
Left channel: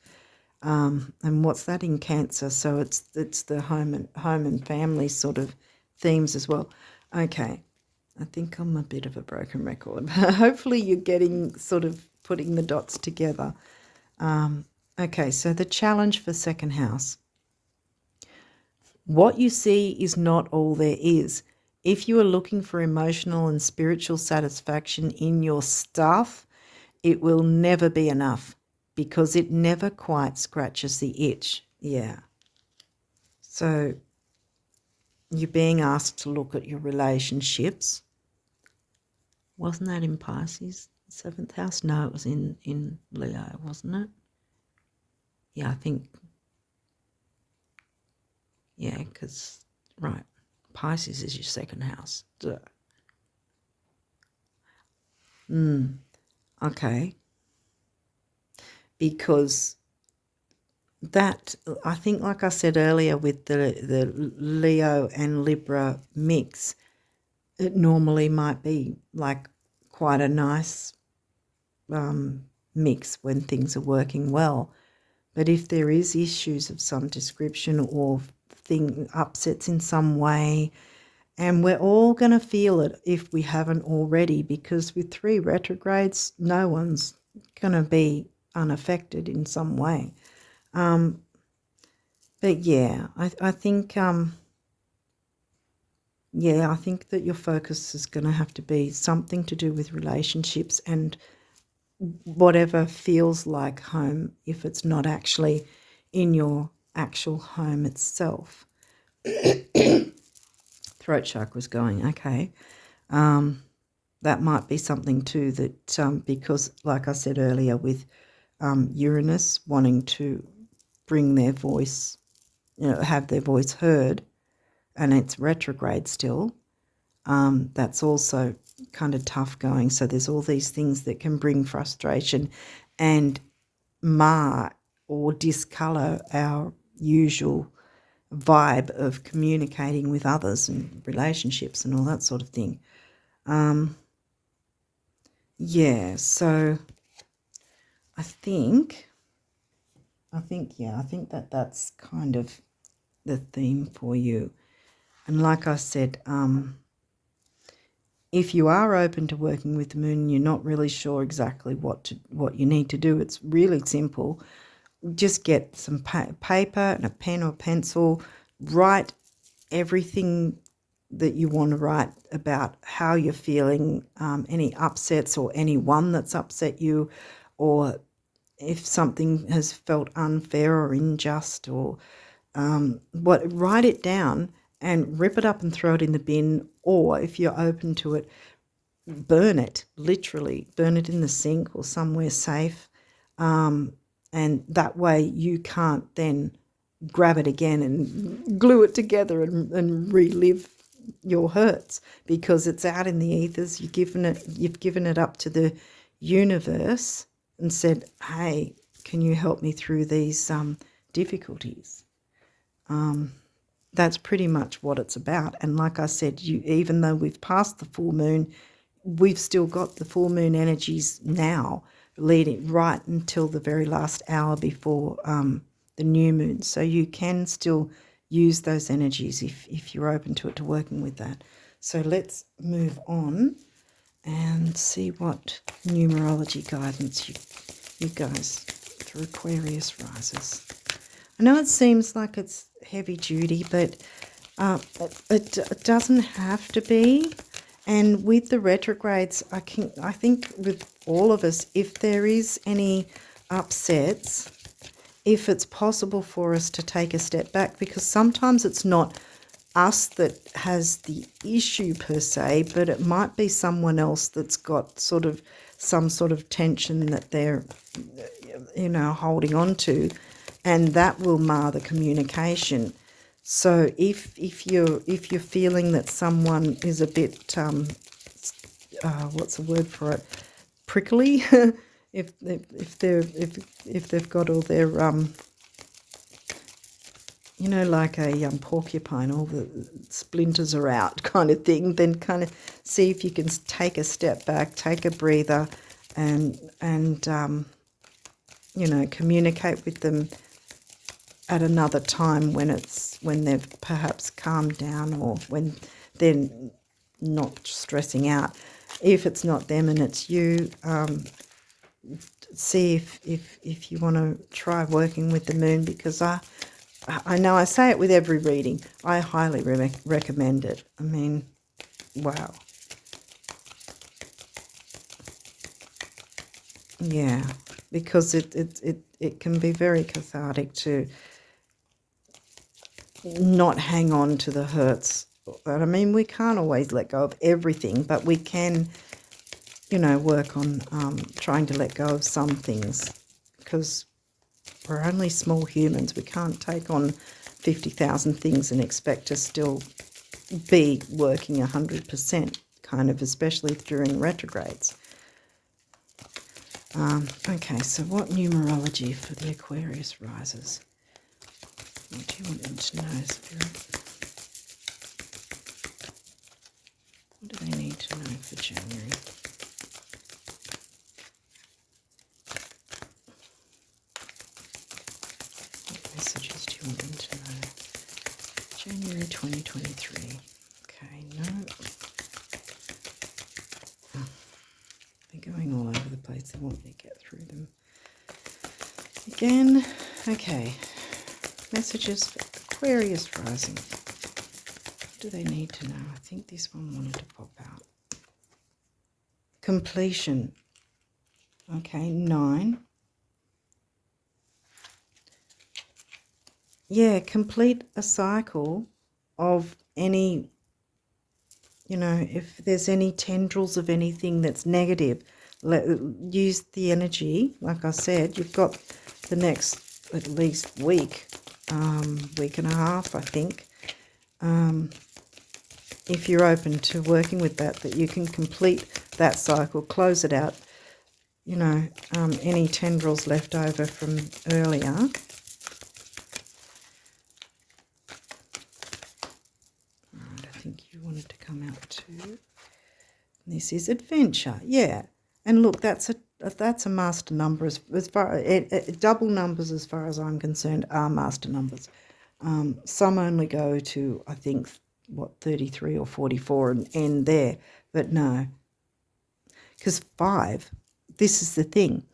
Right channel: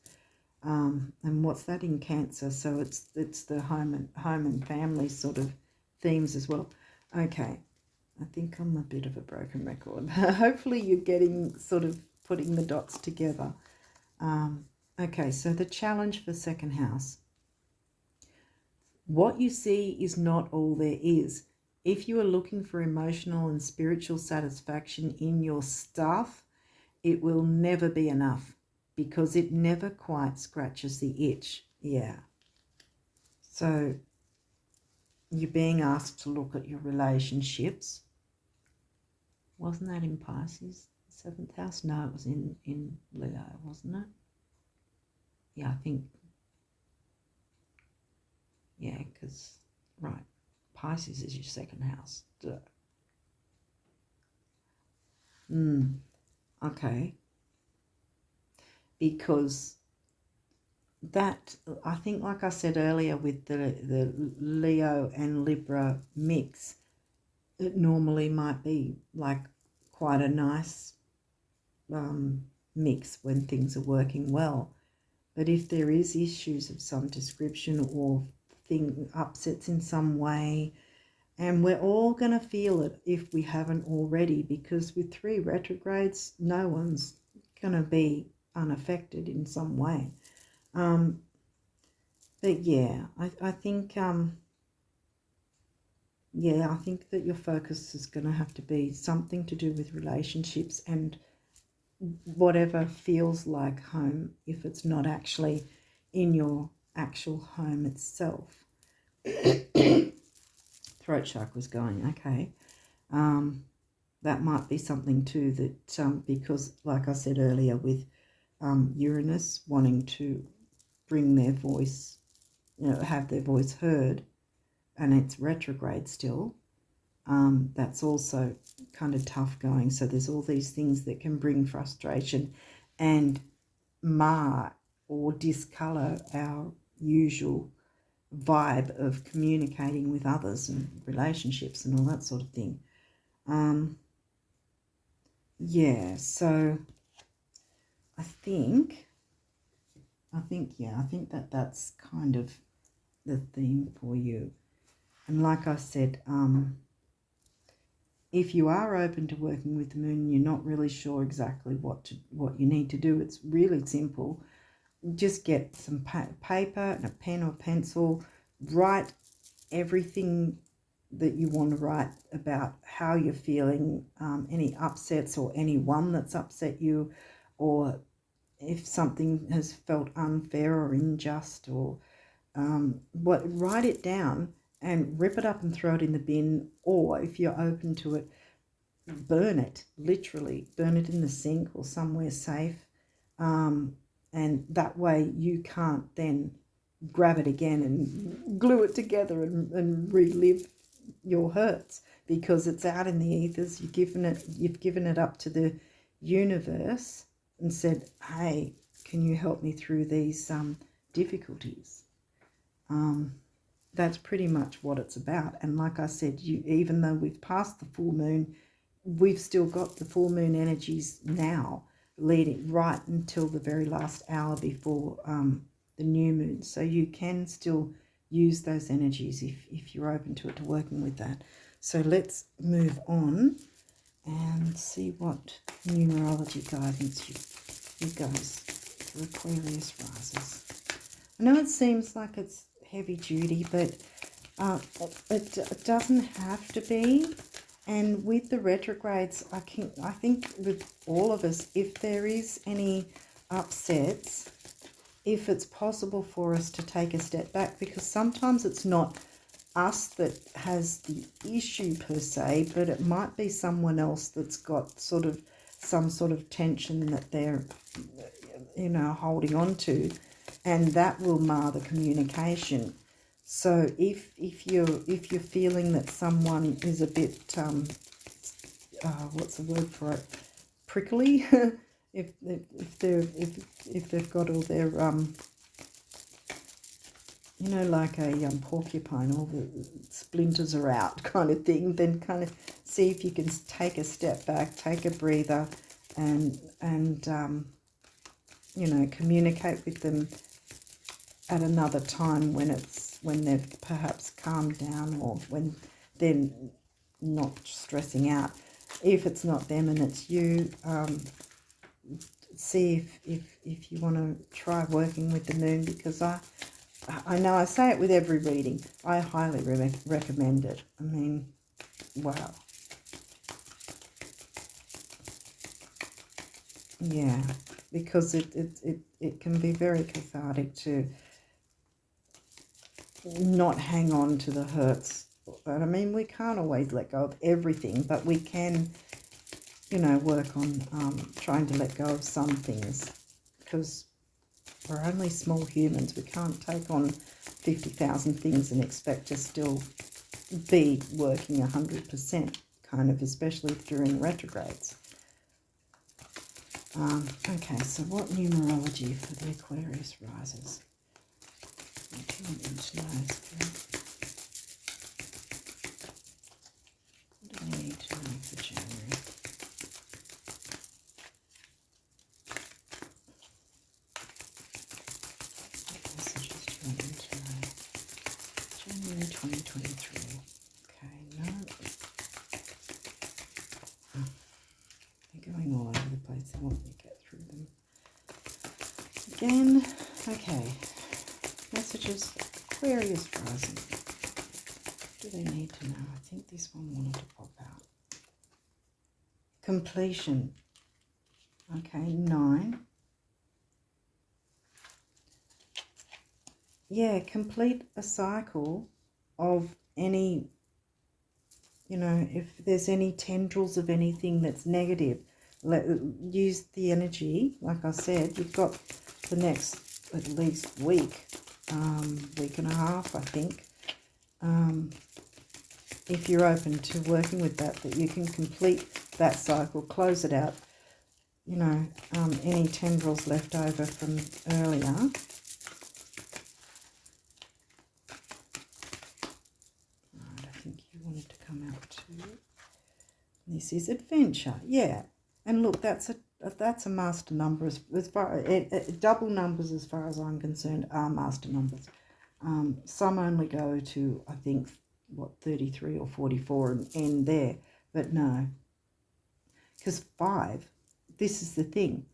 And what's that in Cancer? So it's the home and family sort of themes as well. Okay. I think I'm a bit of a broken record. Hopefully you're getting sort of putting the dots together. Okay, so the challenge for second house. What you see is not all there is. If you are looking for emotional and spiritual satisfaction in your stuff, it will never be enough, because it never quite scratches the itch. Yeah. So you're being asked to look at your relationships. Wasn't that in Pisces, 7th house? No, it was in Leo, wasn't it? Yeah, I think. Yeah, because, right, Pisces is your second house. Duh. Okay. Because that, I think, like I said earlier, with the Leo and Libra mix, it normally might be like quite a nice mix when things are working well. But if there is issues of some description or upsets in some way, and we're all going to feel it if we haven't already, because with 3 retrogrades, no one's going to be unaffected in some way. But yeah, I think I think that your focus is going to have to be something to do with relationships and whatever feels like home, if it's not actually in your actual home itself. Throat chakra's going, okay. That might be something too, that because, like I said earlier, with Uranus wanting to bring their voice, have their voice heard, and it's retrograde still, that's also kind of tough going. So there's all these things that can bring frustration and mar or discolour our usual vibe of communicating with others and relationships and all that sort of thing. Yeah, so I think that that's kind of the theme for you. And like I said, if you are open to working with the moon and you're not really sure exactly what you need to do, it's really simple. Just get some paper and a pen or pencil, write everything that you want to write about how you're feeling, any upsets or anyone that's upset you, or if something has felt unfair or unjust, or write it down and rip it up and throw it in the bin, or if you're open to it, burn it, literally burn it in the sink or somewhere safe, and that way you can't then grab it again and glue it together and relive your hurts, because it's out in the ethers. You've given it up to the universe and said, hey, can you help me through these difficulties? That's pretty much what it's about. And like I said, even though we've passed the full moon, we've still got the full moon energies now, leading right until the very last hour before the new moon. So you can still use those energies if you're open to it, to working with that. So let's move on and see what numerology guidance you guys for Aquarius risers. I know it seems like it's heavy duty, but it doesn't have to be. And with the retrogrades, I think with all of us, if there is any upsets, if it's possible for us to take a step back, because sometimes it's not us that has the issue per se, but it might be someone else that's got some sort of tension that they're, holding on to, and that will mar the communication. So if you're feeling that someone is a bit what's the word for it, prickly, if they've got all their like a porcupine, all the splinters are out kind of thing, then kind of see if you can take a step back, take a breather, and communicate with them at another time when they've perhaps calmed down, or when they're not stressing out. If it's not them and it's you, see if you want to try working with the moon, because I know I say it with every reading, I highly recommend it. I mean, wow. Yeah, because it can be very cathartic to not hang on to the hurts. But I mean, we can't always let go of everything, but we can, work on trying to let go of some things, because we're only small humans. We can't take on 50,000 things and expect to still be working 100%, kind of, especially during retrogrades. Okay, so what numerology for the Aquarius risers? What do you want them to know, Spirit? What do they need to know for January? What messages do you want them to know? January 2023. Okay, no. They're going all over the place. They want me to get through them. Again, okay. Messages for Aquarius rising. What do they need to know? I think this one wanted to pop out. Completion. Okay, 9. Yeah, complete a cycle of any, if there's any tendrils of anything that's negative, use the energy. Like I said, you've got the next at least week and a half, I think, if you're open to working with that you can complete that cycle, close it out, any tendrils left over from earlier. Right, I think you wanted to come out too. This is adventure, yeah. And look, that's a master number. As far double numbers, as far as I'm concerned, are master numbers. Some only go to, I think, 33 or 44 and end there. But no, because 5, this is the thing,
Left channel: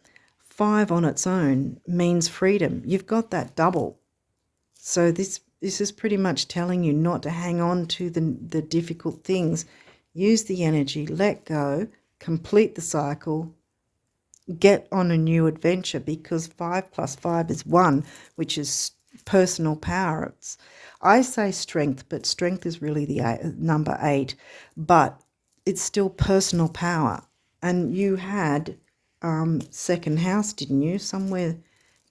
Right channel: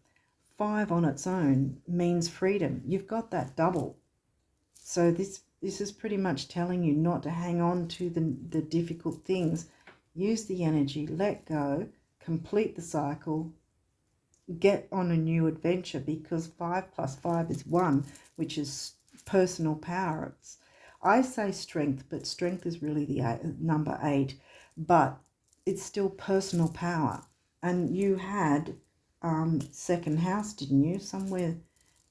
5 on its own means freedom. You've got that double. So this this is pretty much telling you not to hang on to the difficult things. Use the energy, let go, complete the cycle, get on a new adventure, because 5 plus 5 is 1, which is personal power. I say strength, but strength is really the number 8, but it's still personal power. And you had second house, didn't you? Somewhere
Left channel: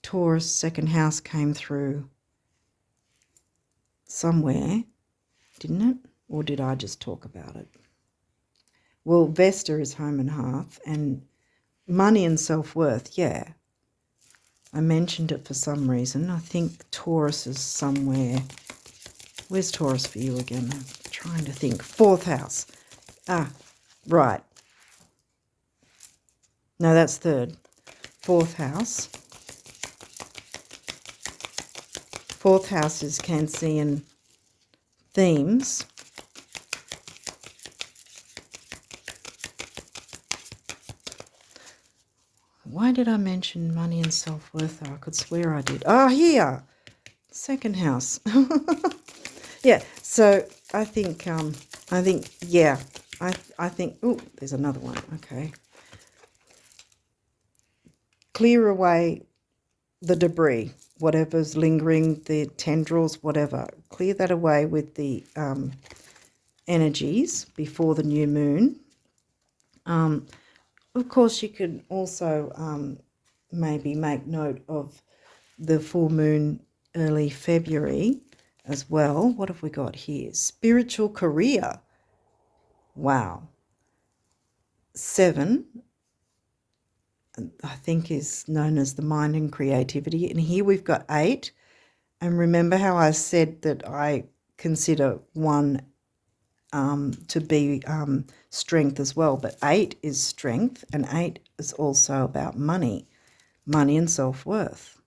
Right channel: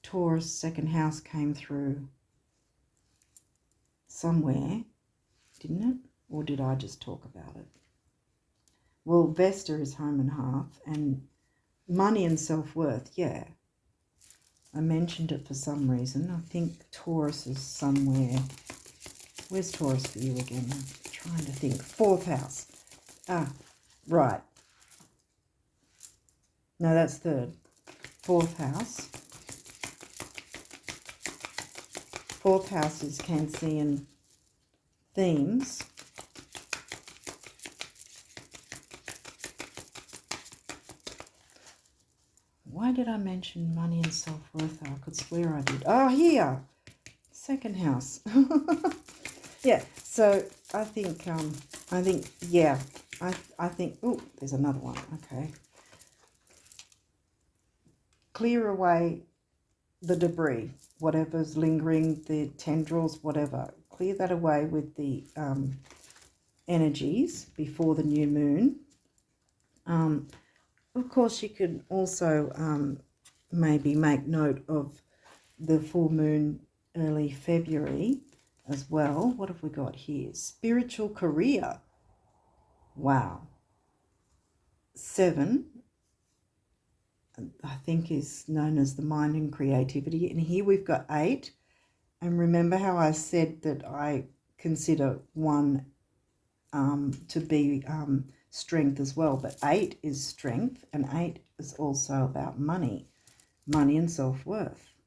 Taurus second house came through somewhere, didn't it? Or did I just talk about it? Well, Vesta is home and hearth, and money and self-worth, yeah. I mentioned it for some reason. I think Taurus is somewhere. Where's Taurus for you again? I'm trying to think. 4th house. Ah, right. No, that's 3rd. 4th house. 4th house is Cancerian themes. Why did I mention money and self-worth? I could swear I did. Oh, here. 2nd house. Yeah, so I think, yeah, I think, oh, there's another one. Okay. Clear away the debris, whatever's lingering, the tendrils, whatever. Clear that away with the energies before the new moon. Of course, you could also maybe make note of the full moon early February as well. What have we got here? Spiritual career. Wow. 7, I think, is known as the mind and creativity. And here we've got 8. And remember how I said that I consider 1 to be strength as well. But 8 is strength, and 8 is also about money and self-worth.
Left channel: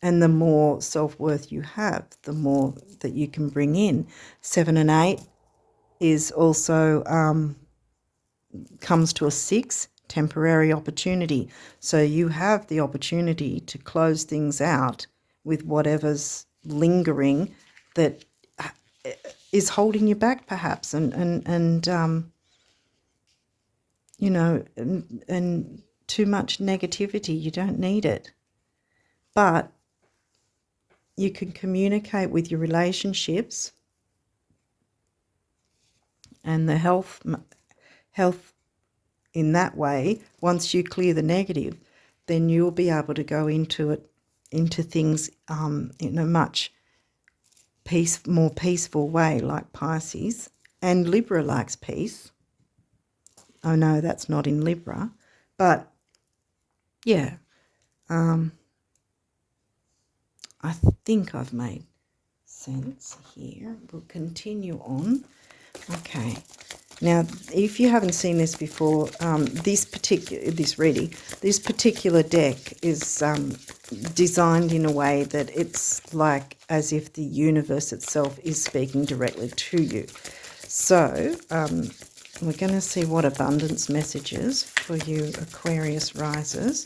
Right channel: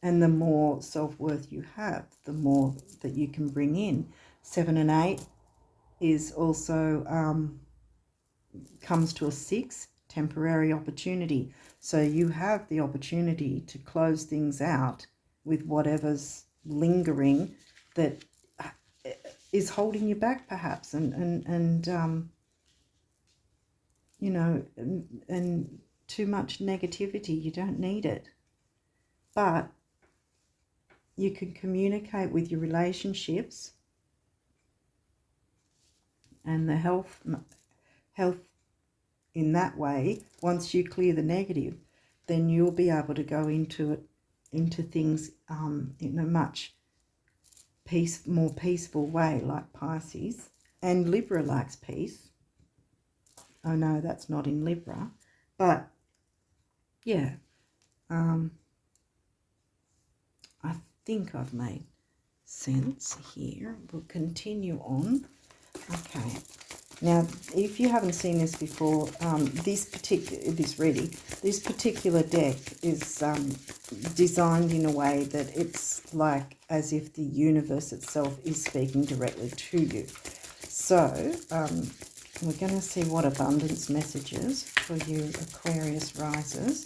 And the more self-worth you have, the more that you can bring in. 7 and 8 is also comes to a 6, temporary opportunity. So you have the opportunity to close things out with whatever's lingering that is holding you back, perhaps, and you know, and too much negativity. You don't need it, but you can communicate with your relationships and the health in that way. Once you clear the negative, then you'll be able to go into things in a much more peaceful way, like Pisces. And Libra likes peace. Oh no, that's not in Libra, but yeah, I think I've made sense here. We'll continue on. Okay. Now, if you haven't seen this before, this particular deck is designed in a way that it's like as if the universe itself is speaking directly to you. So we're going to see what abundance messages for you Aquarius risers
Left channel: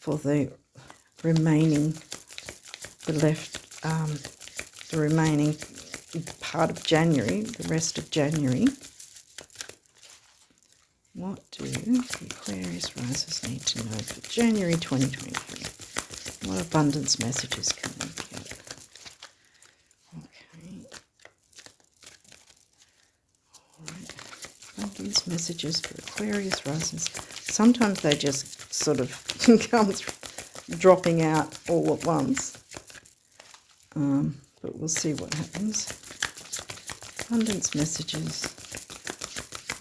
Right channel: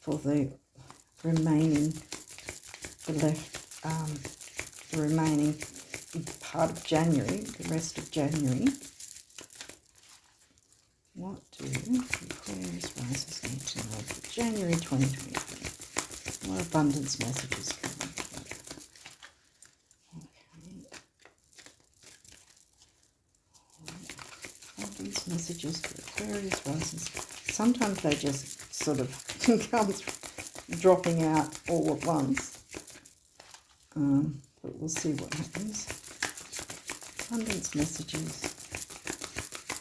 for the remaining part of January, the rest of January. What do the Aquarius risers need to know for January 2023? What abundance messages can we get? Okay. All right. Abundance messages for Aquarius risers. Sometimes they just sort of come dropping out all at once. But we'll see what happens. Abundance messages.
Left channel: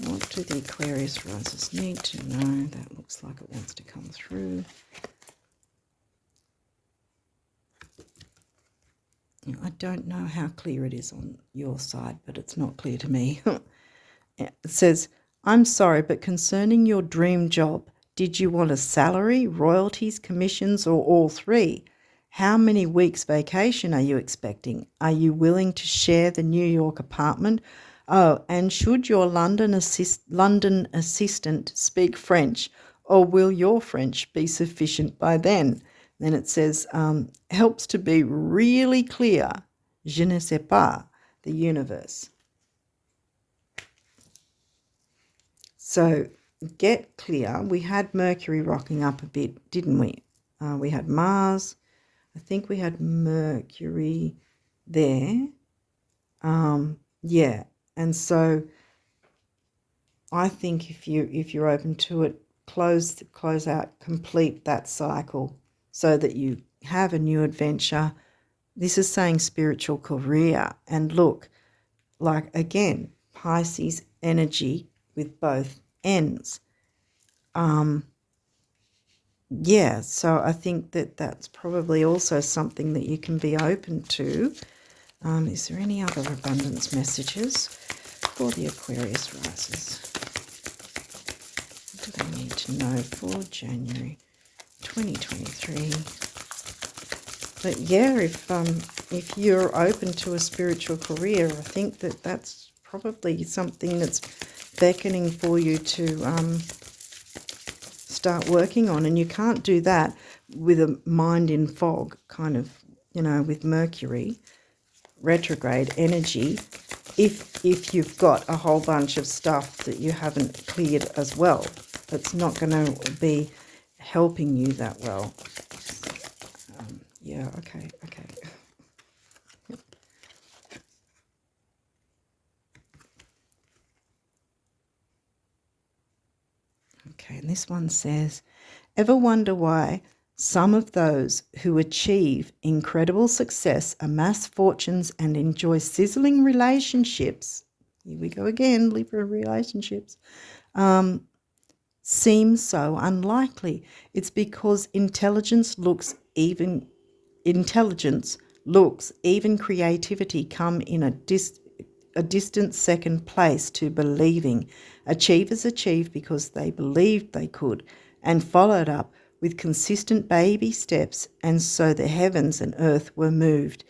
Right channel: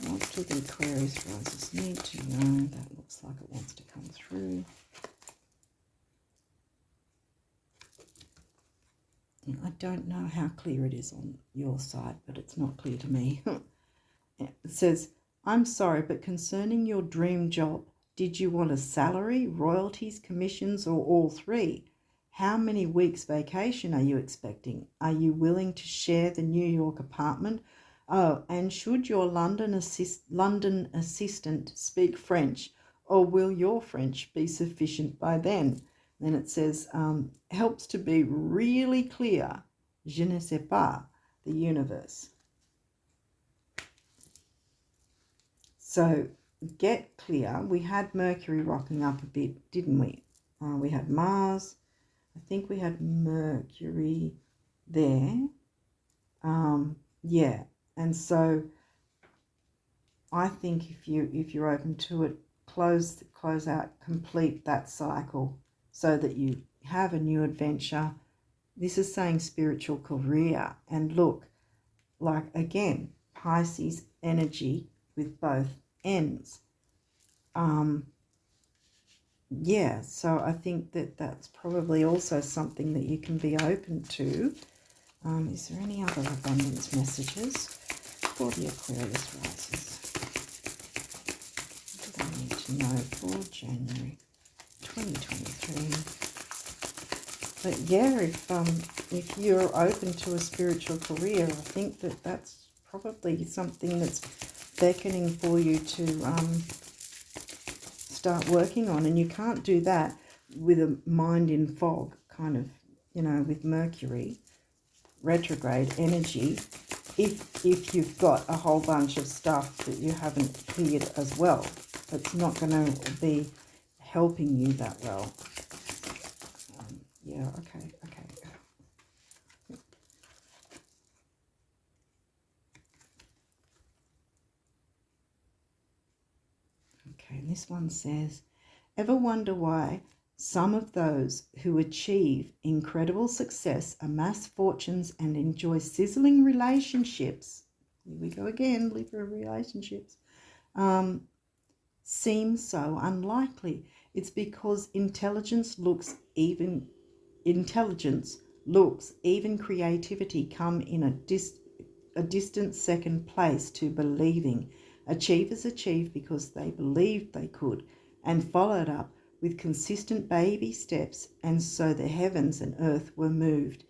What do the Aquarius risers need to know? That looks like it wants to come through. I don't know how clear it is on your side, but it's not clear to me. It says, I'm sorry, but concerning your dream job, did you want a salary, royalties, commissions, or all 3? How many weeks vacation are you expecting? Are you willing to share the New York apartment? Oh, and should your London assistant speak French, or will your French be sufficient by then? Then it says, helps to be really clear. Je ne sais pas, the universe. So get clear. We had Mercury rocking up a bit, didn't we? We had Mars. I think we had Mercury there. Yeah. And so I think if you're open to it, close out, complete that cycle so that you have a new adventure. This is saying spiritual career. And look, like again, Pisces energy with both ends. Yeah, so I think that that's probably also something that you can be open to. Is there any other abundance messages for the Aquarius risers? What do they need to know for January 2023? But yeah, if you're open to a spiritual career, I think that that's probably something that's beckoning for you to start working on. And you can't do that with a mind in fog, kind of, with Mercury retrograde energy, if you've got a whole bunch of stuff that you haven't cleared as well. It's not going to be helping you that well. Yeah, okay. Okay, and this one says, ever wonder why some of those who achieve incredible success, amass fortunes, and enjoy sizzling relationships, here we go again, Libra relationships, seem so unlikely? It's because intelligence looks, even creativity come in a distant second place to believing. Achievers achieve because they believed they could and followed up with consistent baby steps, and so the heavens and earth were moved.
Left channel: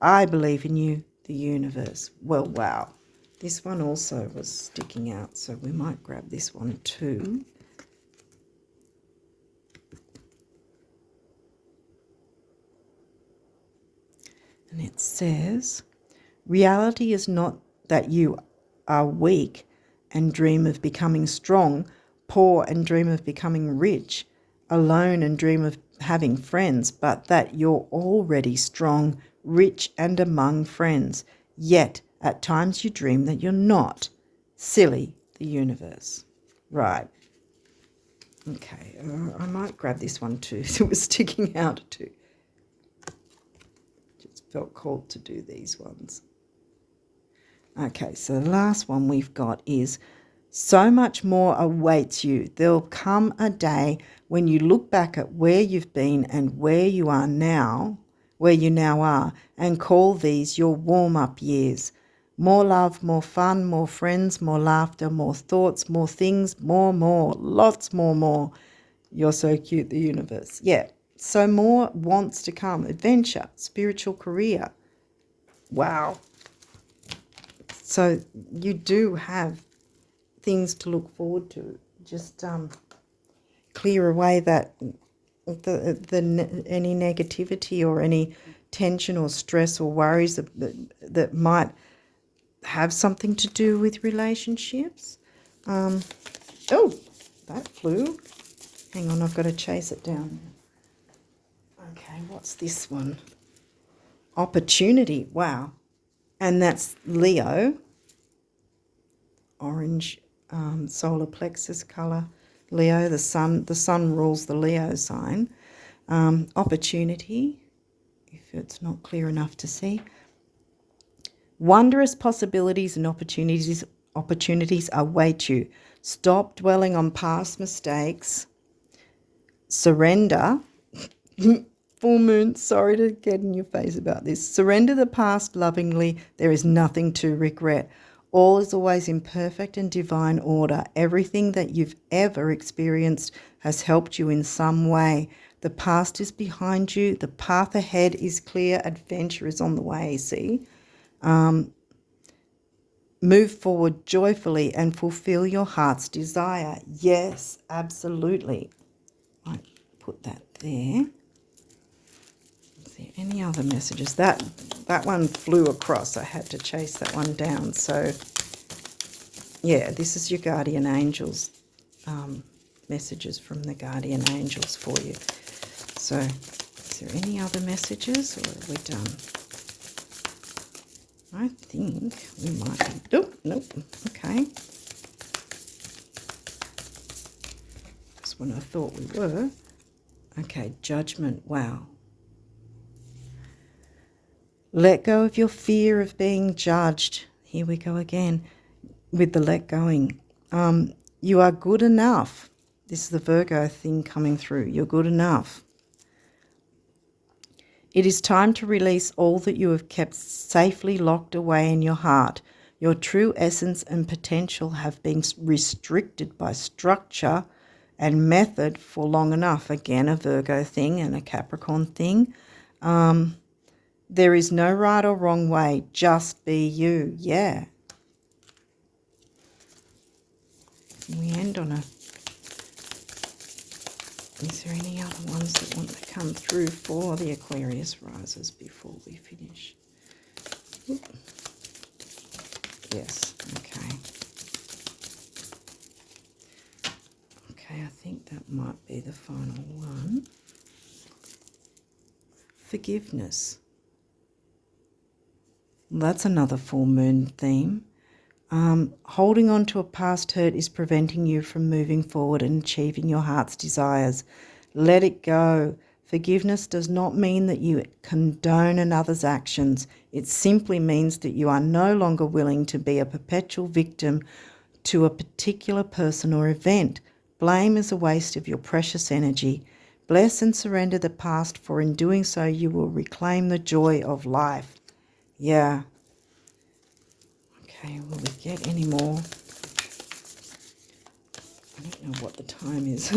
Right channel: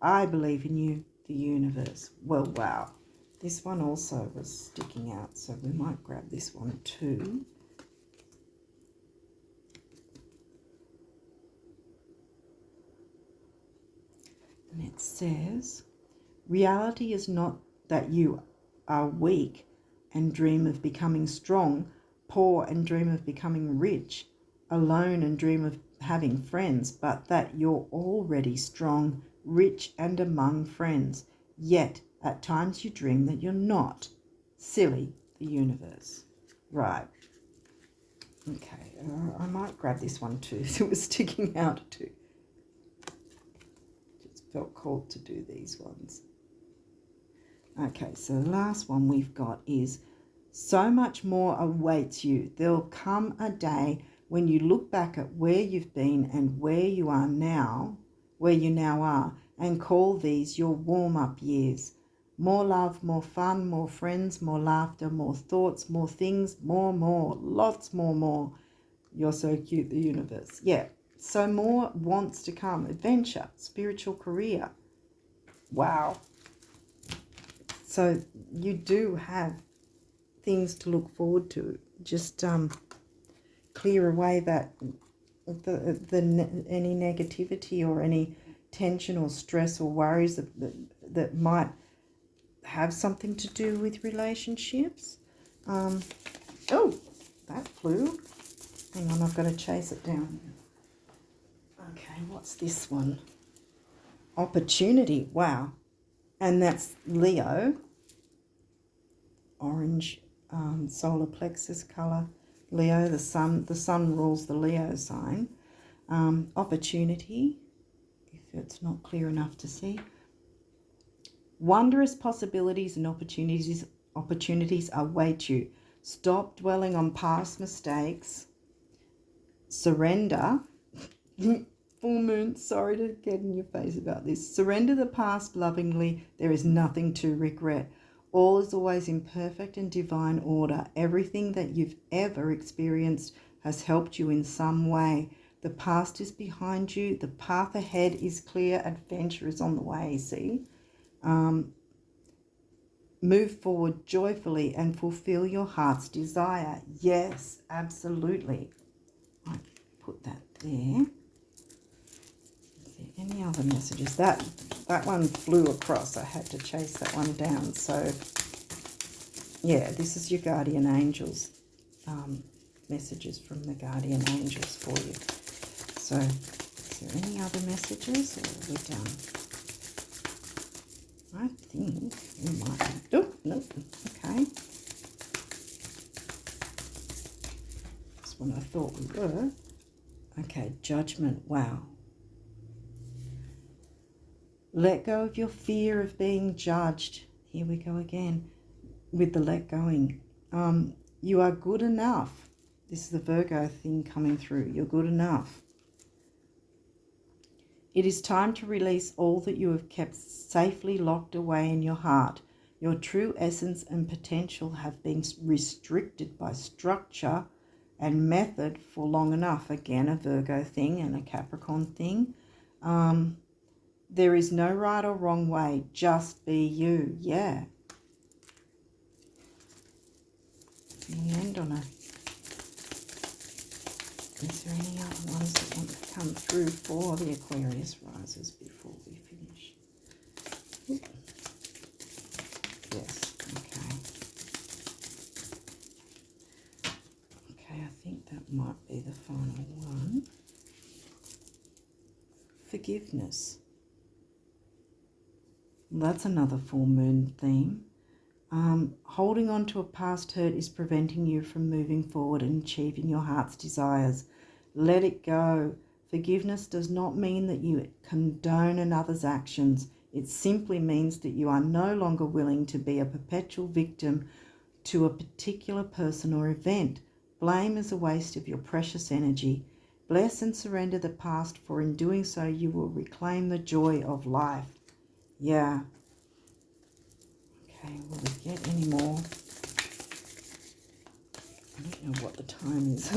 I believe in you, the universe. Well, wow. This one also was sticking out, so we might grab this one too. And it says, reality is not that you are weak and dream of becoming strong, poor and dream of becoming rich, alone and dream of having friends, but that you're already strong, rich and among friends. Yet at times you dream that you're not. Silly, the universe. Right. Okay, I might grab this one too. It was sticking out too. Just felt called to do these ones. Okay, so the last one we've got is, so much more awaits you. There'll come a day when you look back at where you've been and where you now are, and call these your warm-up years. More love, more fun, more friends, more laughter, more thoughts, more things, more, lots more. You're so cute, the universe. Yeah, so more wants to come. Adventure, spiritual career. Wow. So you do have things to look forward to. Just clear away that any negativity or any tension or stress or worries that might have something to do with relationships. Oh, that flew. Hang on, I've got to chase it down. Okay, what's this one? Opportunity. Wow. And that's Leo. Orange solar plexus color. Leo, the sun rules the Leo sign. Opportunity, if it's not clear enough to see. Wondrous possibilities and opportunities await you. Stop dwelling on past mistakes. Surrender. Full moon, sorry to get in your face about this. Surrender the past lovingly. There is nothing to regret. All is always in perfect and divine order. Everything that you've ever experienced has helped you in some way. The past is behind you. The path ahead is clear. Adventure is on the way, see? Move forward joyfully and fulfill your heart's desire. Yes, absolutely. I put that there. Any other messages? That one flew across. I had to chase that one down. So, yeah, this is your guardian angels. Messages from the guardian angels for you. So, is there any other messages, or are we done? I think we might be. Oh, nope. Okay. That's when I thought we were. Okay, judgment. Wow. Let go of your fear of being judged. Here we go again with the let going. You are good enough. This is the Virgo thing coming through. You're good enough. It is time to release all that you have kept safely locked away in your heart. Your true essence and potential have been restricted by structure and method for long enough. Again, a Virgo thing and a Capricorn thing. There is no right or wrong way. Just be you. Yeah. Can we end on a... Is there any other ones that want to come through for the Aquarius risers before we finish? Oop. Yes. Okay. Okay, I think that might be the final one. Forgiveness. That's another full moon theme. Holding on to a past hurt is preventing you from moving forward and achieving your heart's desires. Let it go. Forgiveness does not mean that you condone another's actions. It simply means that you are no longer willing to be a perpetual victim to a particular person or event. Blame is a waste of your precious energy. Bless and surrender the past, for in doing so you will reclaim the joy of life. Yeah. Okay, will we get any more? I don't know what the time is.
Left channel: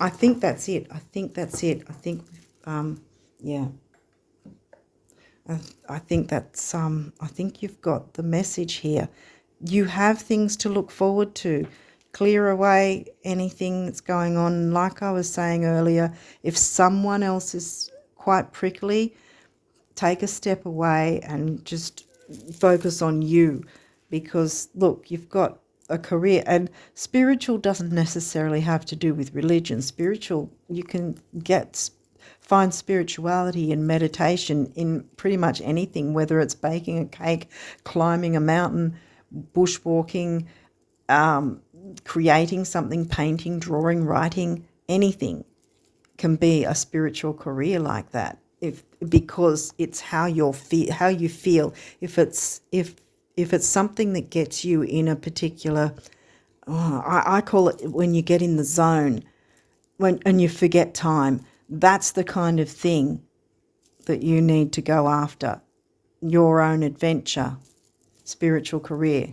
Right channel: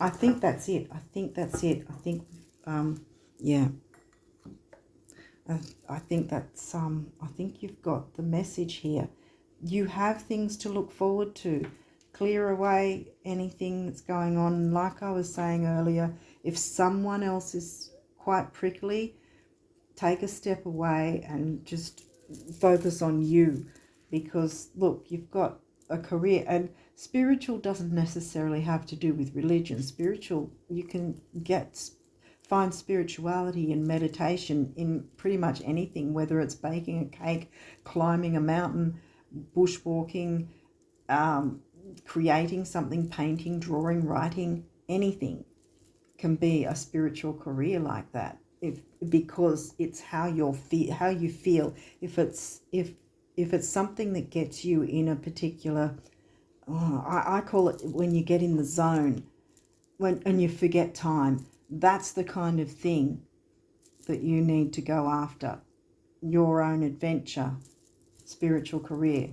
I think that's it. I think, yeah. I think that's, I think you've got the message here. You have things to look forward to. Clear away anything that's going on. Like I was saying earlier, if someone else is quite prickly, take a step away and just focus on you, because look, you've got a career, and spiritual doesn't necessarily have to do with religion. Spiritual, you can find spirituality and meditation in pretty much anything, whether it's baking a cake, climbing a mountain, bushwalking, creating something, painting, drawing, writing. Anything can be a spiritual career like that. Because it's how you feel. If it's something that gets you in a particular, I call it when you get in the zone, and you forget time. That's the kind of thing that you need to go after. Your own adventure, spiritual career.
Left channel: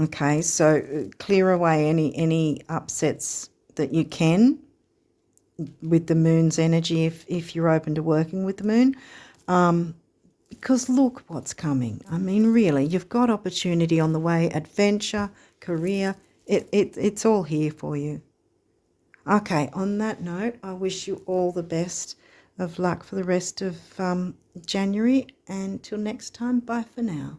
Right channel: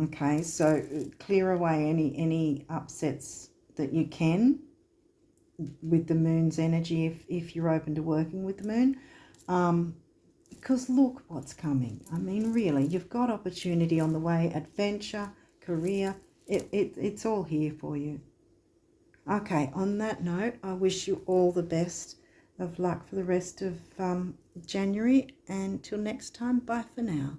Okay, so clear away any upsets that you can with the moon's energy, if you're open to working with the moon, because look what's coming. I mean, really, you've got opportunity on the way, adventure, career, it's all here for you. Okay, on that note, I wish you all the best of luck for the rest of January, and till next time, bye for now.